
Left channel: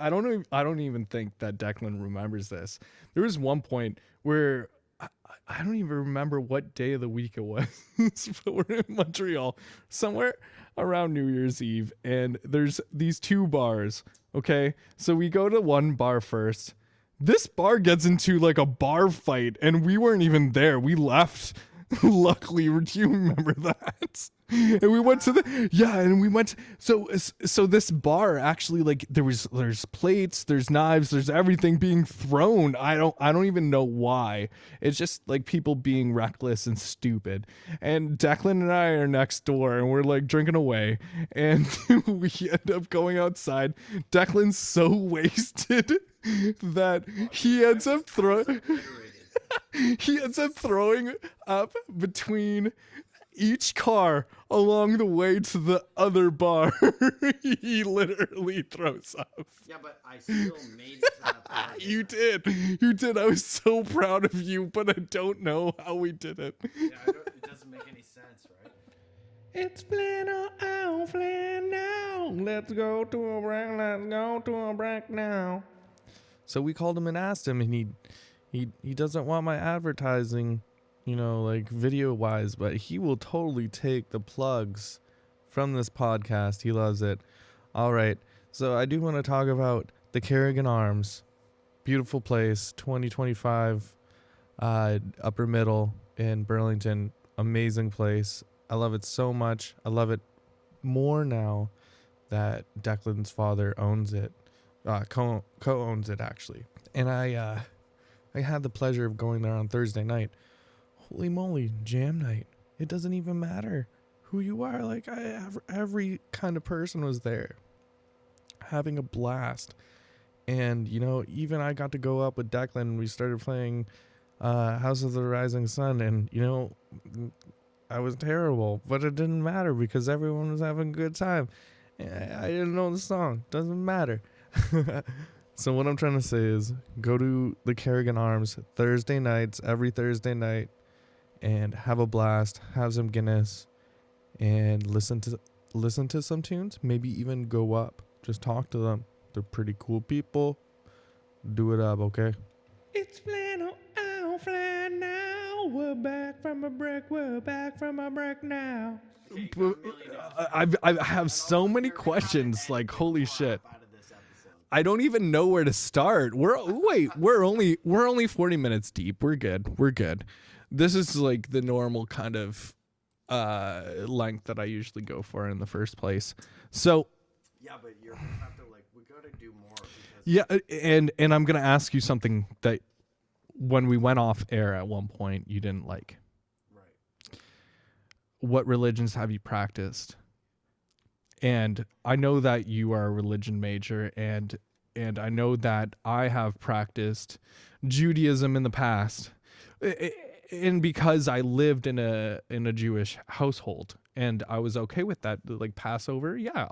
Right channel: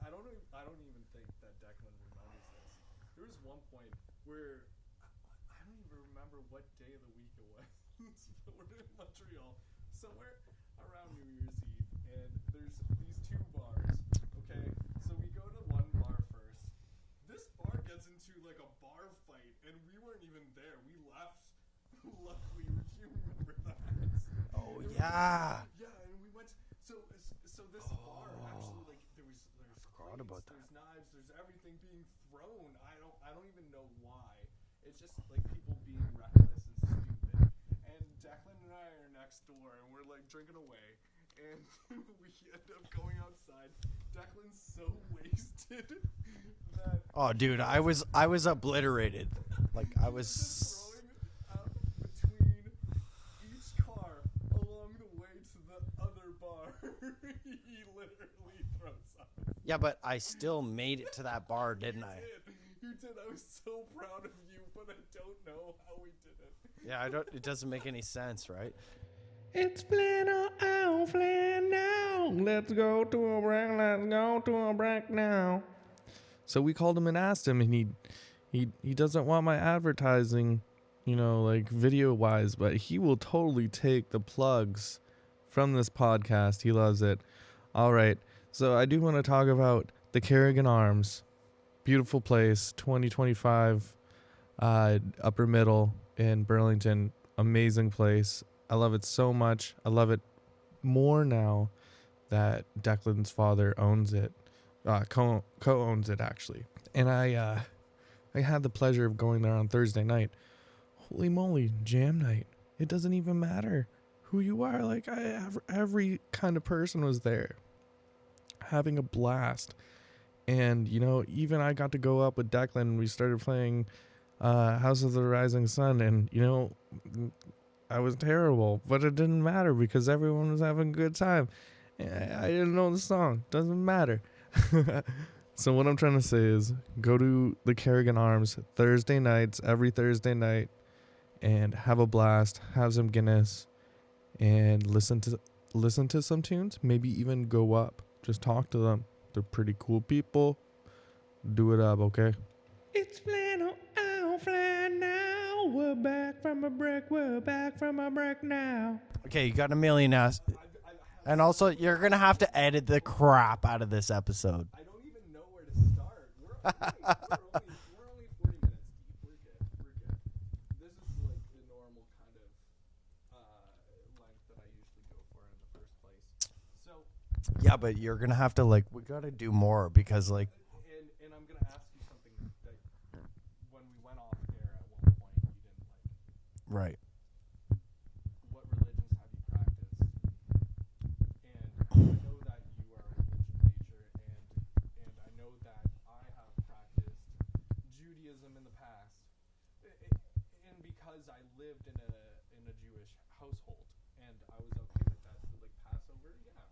I don't even think that Declan remembers this. There was one point where I don't even remember what day of the week it was, but we're in Montreal, somewhere around New Year's Eve, and there's these two bars. Okay, so we go to one bar first. This bar gets into like a bar fight, and we weren't even there. We left. Luckily, do you remember that? And we went to and we went. So this bar actually, like there's plates, there's knives, there's everything being thrown. I don't even know why. It's just like people being reckless and stupid. And Declan and I are next door, and we're like drinking away, and we end up going outside. Declan's so wasted that he ends up I was obliterated. he ends up throwing up between each car along the way to the other bar. He literally throws up. Yeah, but I still made it to that bar. You didn't You did. I was so proud of you, but I don't know how we did it. Yeah, it doesn't make any sense, right? It's flannel on flannel. Let's go to a break. Let's go to a break now. So we called him and asked him, and he doesn't want my advertising, you know, like video wise, but he will totally take the plugs from this podcast. He loves it. All right. So I do want to talk about the Kerrigan Arms. Beautiful place, 2025, upper middle in Burlington. Amazing place. I love it so much. I love it more now that Declan's father owns it. Co-owns it actually. And I had the pleasure of going there on Thursday night. Holy moly, jam night. It doesn't even matter who you are. Like every kind of person was there having a blast. And, you know, even I got to go up with Declan and we started playing House of the Rising Sun. And, you know, I was terrible, but it didn't matter because everyone was having a good time. I didn't know the song. Doesn't matter. So what I'm trying to say is go to the Kerrigan Arms Thursday nights, every Thursday night, and have a blast, have some Guinness, and listen to some tunes. Maybe even go up. Just talk to them. They're pretty cool people. Do it up, okay? It's flannel on flannel. We're back from a break. We're back from a break now. Okay, you got a million ass. I have And so also, many you're gonna have questions. to edit Like the holy crap shit! out of this episode. I don't even know where to start. We're only 40 minutes deep. We're good. This is like the normal kind of length that I usually go for in the first place. So Yeah, but you're gonna have to we gotta do more because yeah, and I'm gonna ask you something that when we went off air at one point you didn't like. Right. What religions have you practiced? And I know that you are a religion major, and I know that I have practiced Judaism in the past, and because I lived in a Jewish household, and I was okay with that. Like Passover, yeah,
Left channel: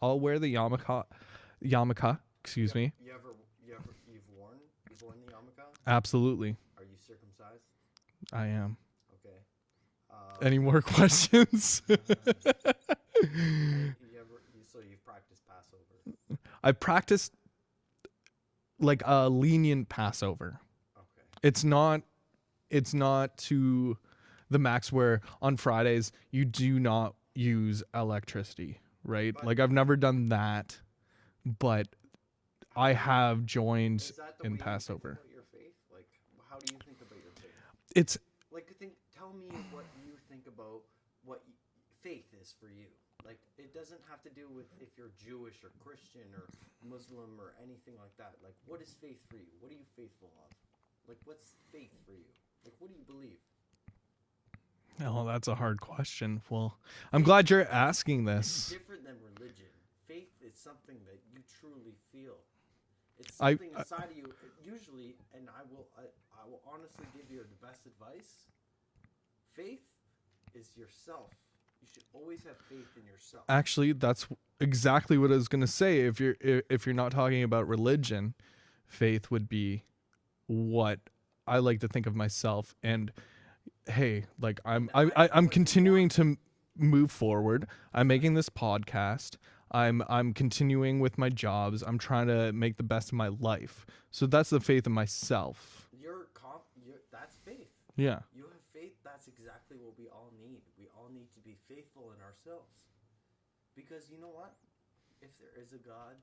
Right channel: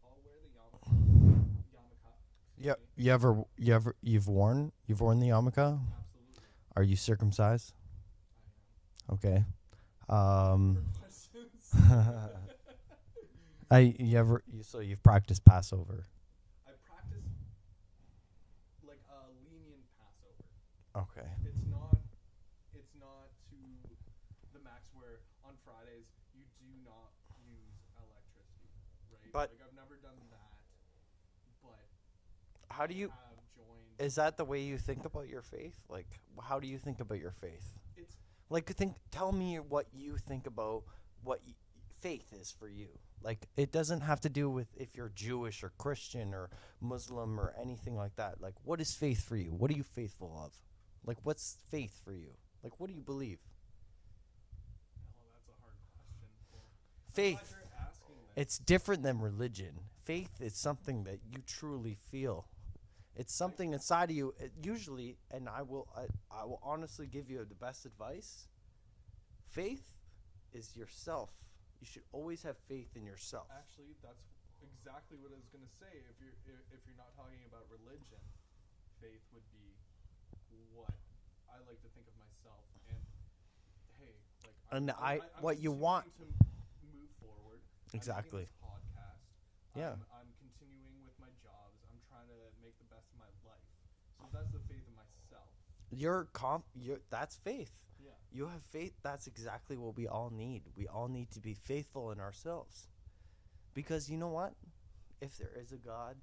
I'll wear the yarmulke. Excuse me. You've worn the yarmulke? Absolutely, Are you circumcised? I am. Okay. Any more questions? So you've practiced Passover? I practiced like a lenient Passover. Okay. It's not to the max where on Fridays you do not use electricity, right? But like I've never done that, but How I do you- have joined. Is that the in way you think Passover. about your faith? Like, how do you think about your faith? It's Like, tell me what you think about what faith is for you. Like, it doesn't have to do with if you're Jewish or Christian or Muslim or anything like that. Like, what is faith for you? What are you faithful of? Like, what's faith for you? Like, what do you believe? oh, that's a hard question. Well, I'm Faith- glad you're asking It's this. different than religion. Faith is something that you truly feel. It's I- something inside of you. Usually, and I will honestly give you the best advice. Faith is yourself. You should always have faith in yourself. Actually, that's exactly what I was gonna say. If you're not talking about religion, faith would be what I like to think of myself. And hey, like I'm And I'm what you continuing want. to move forward. I'm making Exactly. this podcast. I'm continuing with my jobs. I'm trying to make the best of my life. So that's the faith in myself. That's faith. Yeah. You have faith. That's exactly what we all need. We all need to be faithful in ourselves. Because you know what? If there is a God,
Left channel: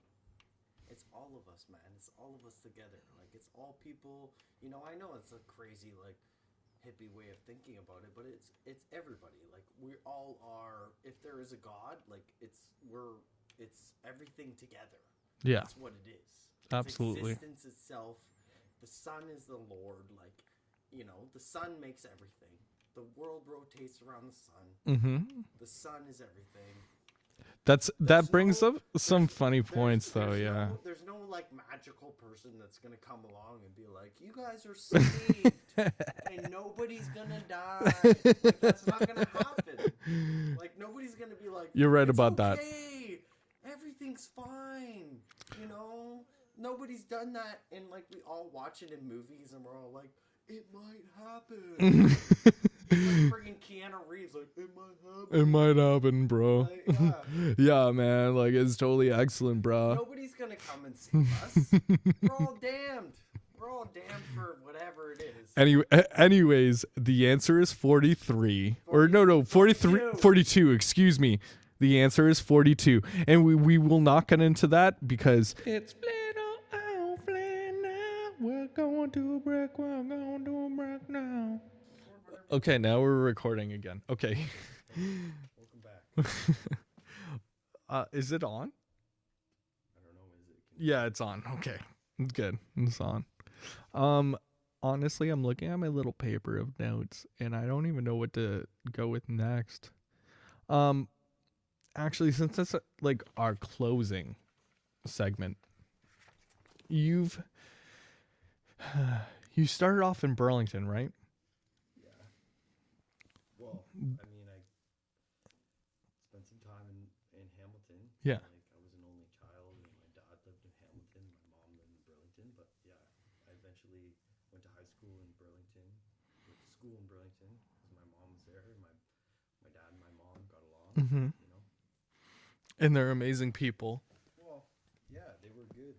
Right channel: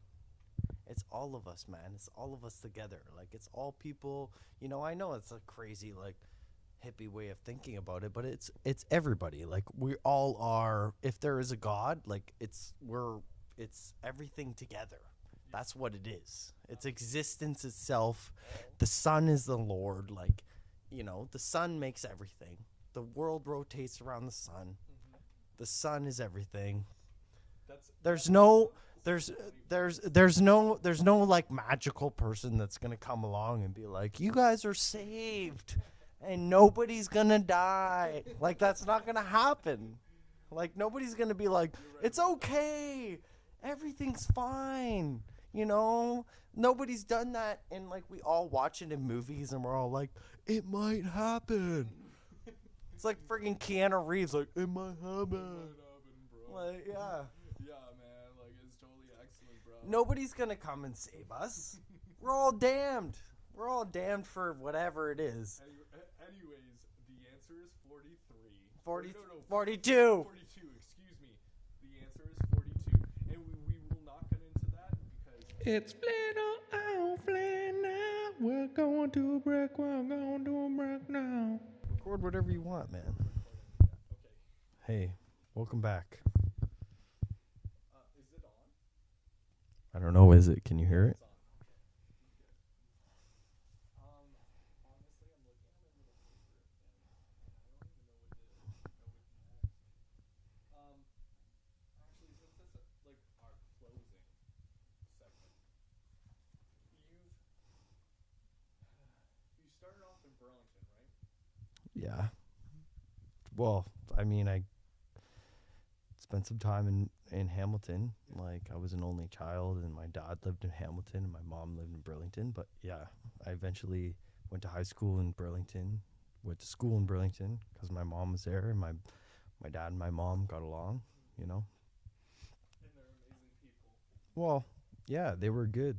it's all of us, man. It's all of us together. Like, it's all people. I know it's a crazy, like, hippie way of thinking about it, but it's everybody. Like, we all are. If there is a God, like, it's everything together. Yeah. That's what it is. It's Absolutely. existence itself. The sun is the Lord. Like, the sun makes everything. The world rotates around the sun. Mm-hmm. The sun is everything. That There's brings no- up some funny points. There's though, there's no like magical person that's gonna come along and be like, you guys are saved and nobody's gonna die. Like, that's not gonna happen. Like, nobody's gonna be like, You're right it's about that. okay. Everything's fine. Nobody's done that, and like, we all watch it in movies and we're all like, it might happen. It's like friggin' Keanu Reeves, like, it might happen. It might happen, bro. Like, yeah. Yeah, man. Like, it's totally excellent, bro. Nobody's gonna come and save us. We're all damned. We're all damned for whatever it is. Anyways, the answer is 43. Or no, 43, 42. 42, excuse me. The answer is 42. And we will not get into that because it's flannel. We're going to a break. We're going to a break now. Record whatever you Okay, want. now we're recording again. Okay. Hey, welcome back. Is it on? I don't know, is it? Can you Yeah, hear it? it's on. Okay. It's good. It's on. Honestly, I'm looking at my little paper of notes and I don't even know what to go with next. Actually, since that's like our closing segment, you started off in Burlington, right? Yeah. Well, I mean, I spent some time in Hamilton. Yeah. Like, I was an only child, and my dad lived in Hamilton, and my mom lived in Burlington. But yeah, I eventually went to high school in Burlington, went to school in Burlington because my mom was there, and my dad and my mom got along. Mm-hmm. And they're amazing people. Well, yeah, they were good.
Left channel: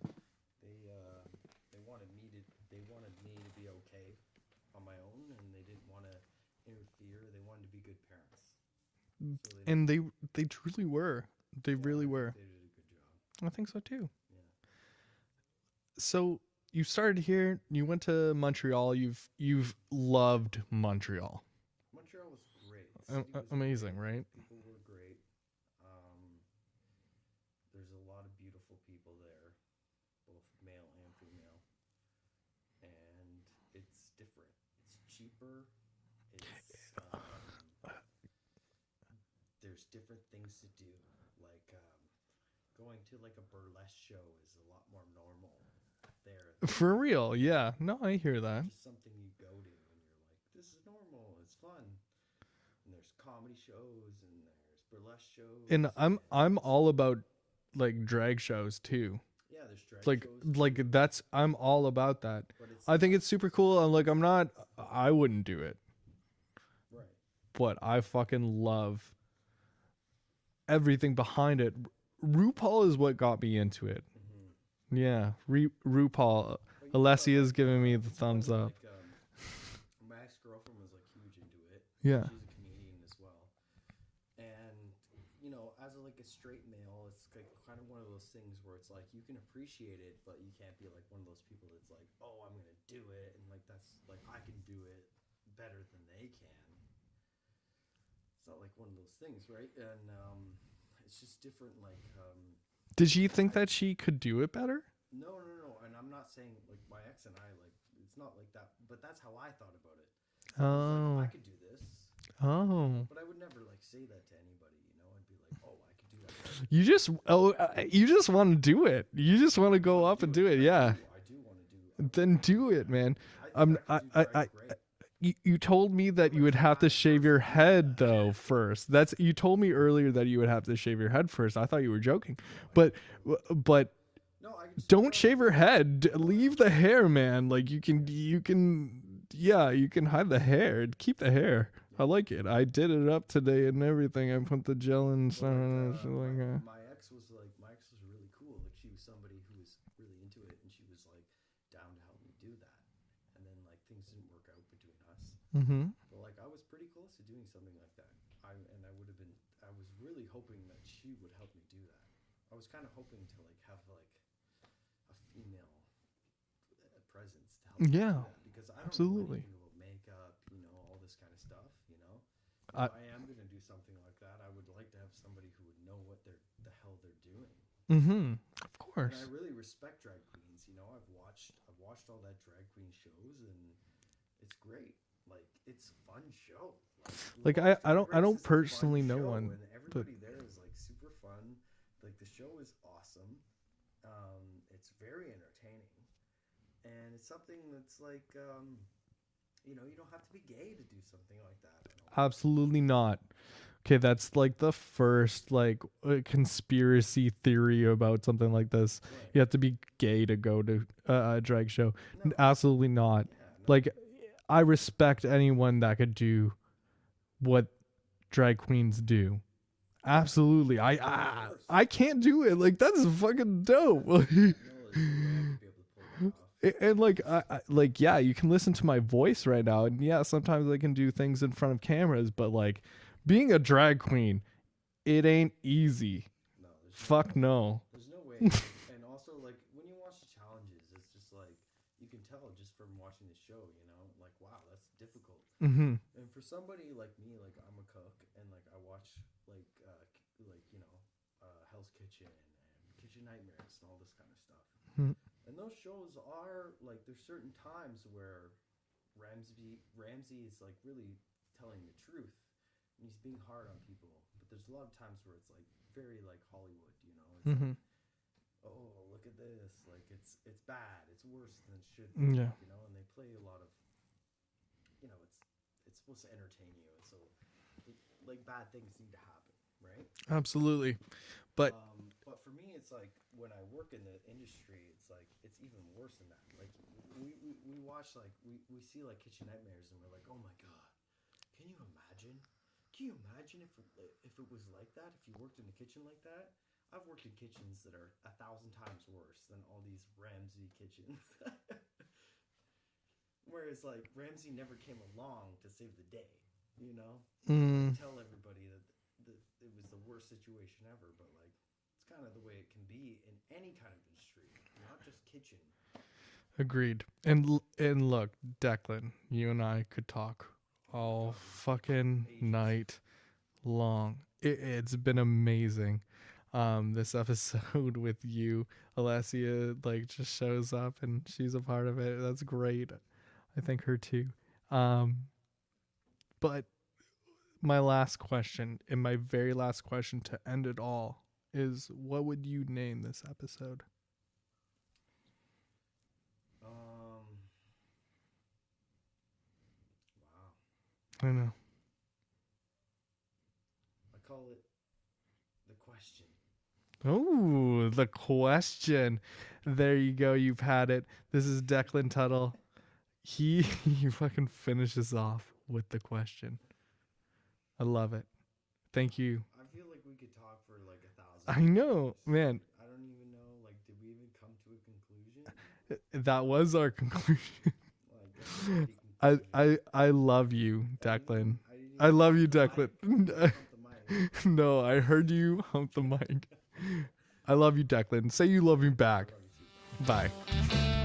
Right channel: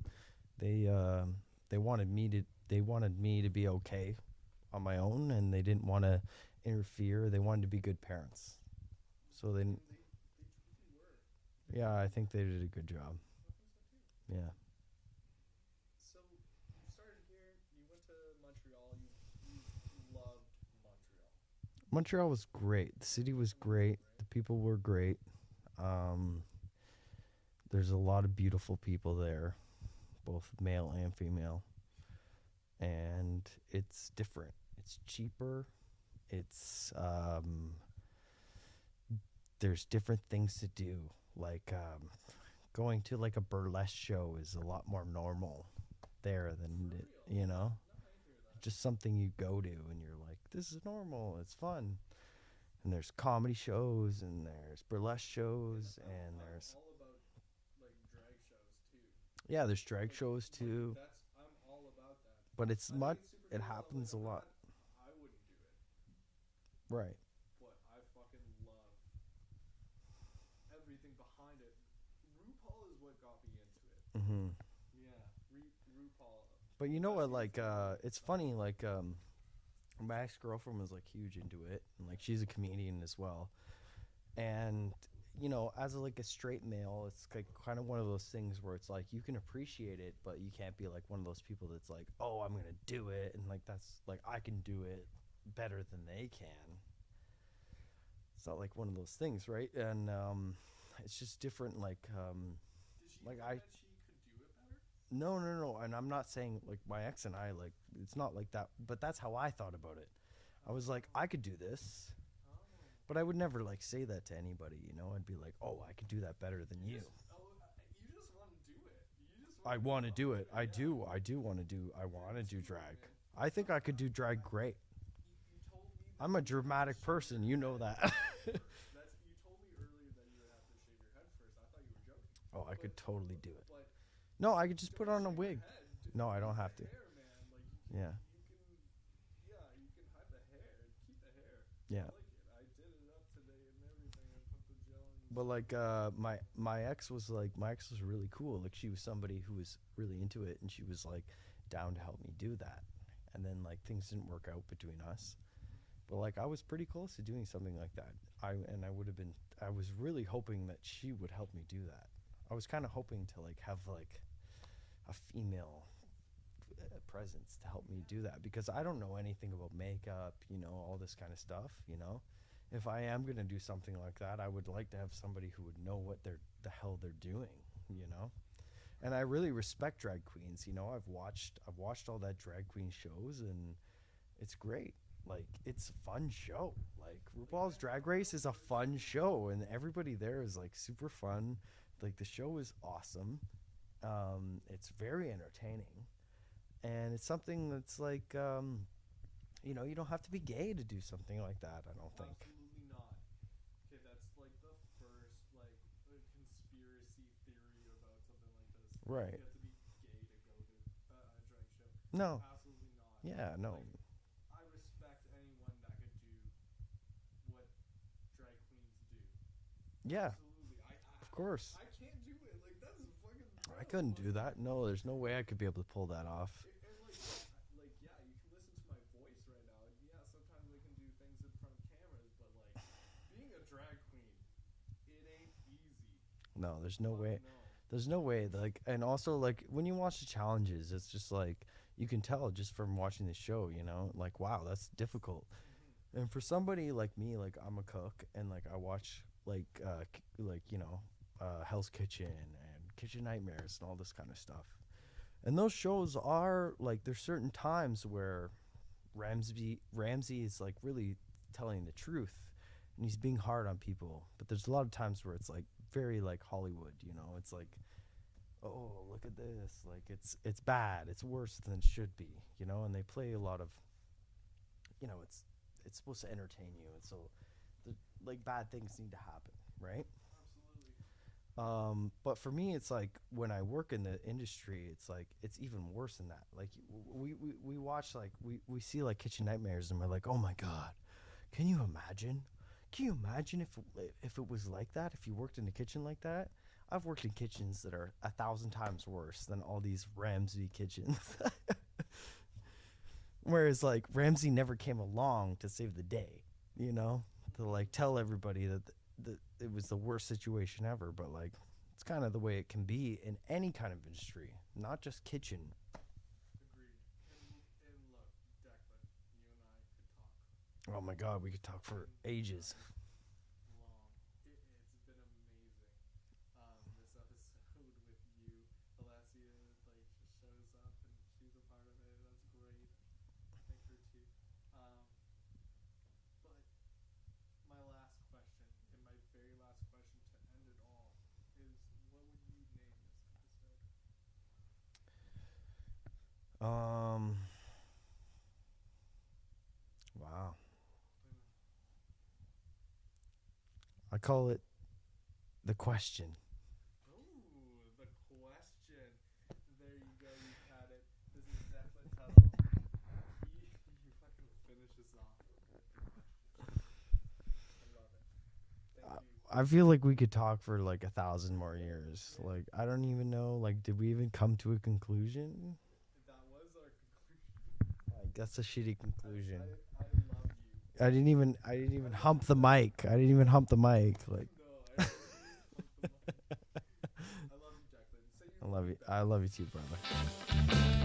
They wanted me to be okay on my own, and they didn't want to interfere. They wanted to be good parents. So they And they truly were. They really were. think they did a good job. I think so too. Yeah. So you started here. You went to Montreal. You've loved Montreal. Montreal was great. The city was amazing, great. right? The people were great. There's a lot of beautiful people there, both male and female. And it's different. It's cheaper. It's there's different things to do. Like going to like a burlesque show is a lot more normal there. Than, For real, you yeah. know, No, I hear that. just something you go to and you're like, this is normal. It's fun. And there's comedy shows and there's burlesque shows. And I'm there's- all about like drag shows too. yeah, there's drag Like shows like too, that's I'm all about that. but it's I think not- it's super it cool. And like happens I'm a lot. not I wouldn't do it, right. but I fucking love everything behind it. RuPaul is what got me into it. Mm-hmm. Yeah, RuPaul. But you know Alessia what, is giving me the it's thumbs funny, up. Like, my ex-girlfriend was like huge into it. Yeah. She's a comedian as well, and you know, as like a straight male, it's like kind of one of those things where it's like you can appreciate it, but you can't be like one of those people that's like, oh, I'm gonna do it, and like that's like I can do it better than they can. It's not like one of those things, right? And it's just different. Like, Did you think I- that she could do it better? no, and I'm not saying like my ex and I like it's not like that, but that's how I thought about it. I was like, I could do this, Oh. but I would never like say that to anybody. You know, I'd be like, oh, I could do that better. than You just you just want to do it. You just want I to go wanna up and do it. I Yeah. I do want to do. Then wanna do it, drag. man. I think I could do drag I- great. You told me that I'm a you would have to dramatic shave your person, you know head that. though first. That's you told me earlier that you would have to shave your head first. I thought you were joking. No, I But could totally do it. but No, I could just put on don't a shave your wig. head. No, I Leave don't the have to. hair, man. Like you can you can hide the hair. Keep the hair. Yeah. I like it. I did it up today and everything. I put the gel in. But like, my ex was really cool. Like she was somebody who was really into it, and she was like down to help me do that. And then like things didn't work out between us. Mm-hmm. But like I was pretty close to doing something like that. I was really hoping that she would help me do that. I was kind of hoping to like have like a female presence to help me Yeah, do that, because I don't absolutely. know anything about makeup, you know, all this kind of stuff, you know. If I- I am going to do something like that, I would like to have somebody who would know what the hell they're doing. Mm-hmm. Of course. And I really respect drag queens. You know, I've watched all that drag queen shows, and it's great. Like it's a fun show. Like, RuPaul's I Drag don't Race is a fun personally know show, one, and everybody there is like super fun. Like the show is awesome. It's very entertaining, and it's something that's like, you know, you don't have to be gay to do something like that. I don't. Absolutely not. Okay, that's like the first like conspiracy theory about something like this. Right. You have to be gay to go to a drag show. No. Absolutely not. Yeah. No. Like, I respect anyone that could do what drag queens do. Yeah. Absolutely. Of course. I can't do it. Like that's fucking dope. Couldn't do that. No, there's no way I could be able to pull that off. And like like yeah, you can listen to my voice right now, and yeah, sometimes I can do things in front of cameras, but like being a drag queen, it ain't easy. No, there's no Fuck way. no. There's no way. Like, and also like when you watch the challenges, it's just like you can tell just from watching the show, you know, like wow, that's difficult. Mm-hmm. And for somebody like me, like I'm a cook, and like I watch like you know, Hell's Kitchen and Kitchen Nightmares and all this kind of stuff. Mm. And those shows are like there's certain times where Ramsey is like really telling the truth, and he's being hard on people. But there's a lot of times where it's like very like Hollywood, you know. It's Mhm. like, oh, look at this, like it's bad, it's worse than it should be, Yeah. you know. And they play a lot of, you know, it's supposed to entertain you, and so like bad things need to happen, right? Absolutely. But But for me, it's like when I work in the industry, it's like it's even worse than that. Like we watch like we see like Kitchen Nightmares, and we're like, oh my god, can you imagine? Can you imagine if it was like that? If you worked in a kitchen like that? I've worked in kitchens that are 1,000 times worse than all these Ramsey kitchens. Whereas like Ramsey never came along to save the day, you know, to like tell everybody that it was the worst situation ever. But like it's kind of the way it can be in any kind of industry, not just kitchen. agreed. And look, Declan, you and I could talk Oh my all God, we could talk for fucking ages. night long. It's been amazing. This episode with you, Alessia, like just shows up and she's a part of it. That's great. I thank her too. But my last question, and my very last question to end it all, is what would you name this episode? Wow. I know. I call it The Question. Oh, the question. There you go. You've had it. This is Declan Tuttle. He fucking finishes off with the question. I love it. Thank you. I feel like we could talk for like 1,000 I more know, years. man. Like, I don't even know. Like, did we even come to a conclusion? That was our conclusion. I guess a shitty conclusion. I love you, Declan. I didn't even I love hump you, the Declan. mic. I didn't even hump the mic. Like, No, I heard you hump the mic. I love you, Declan. Say you love me back. I love you too, brother. Bye.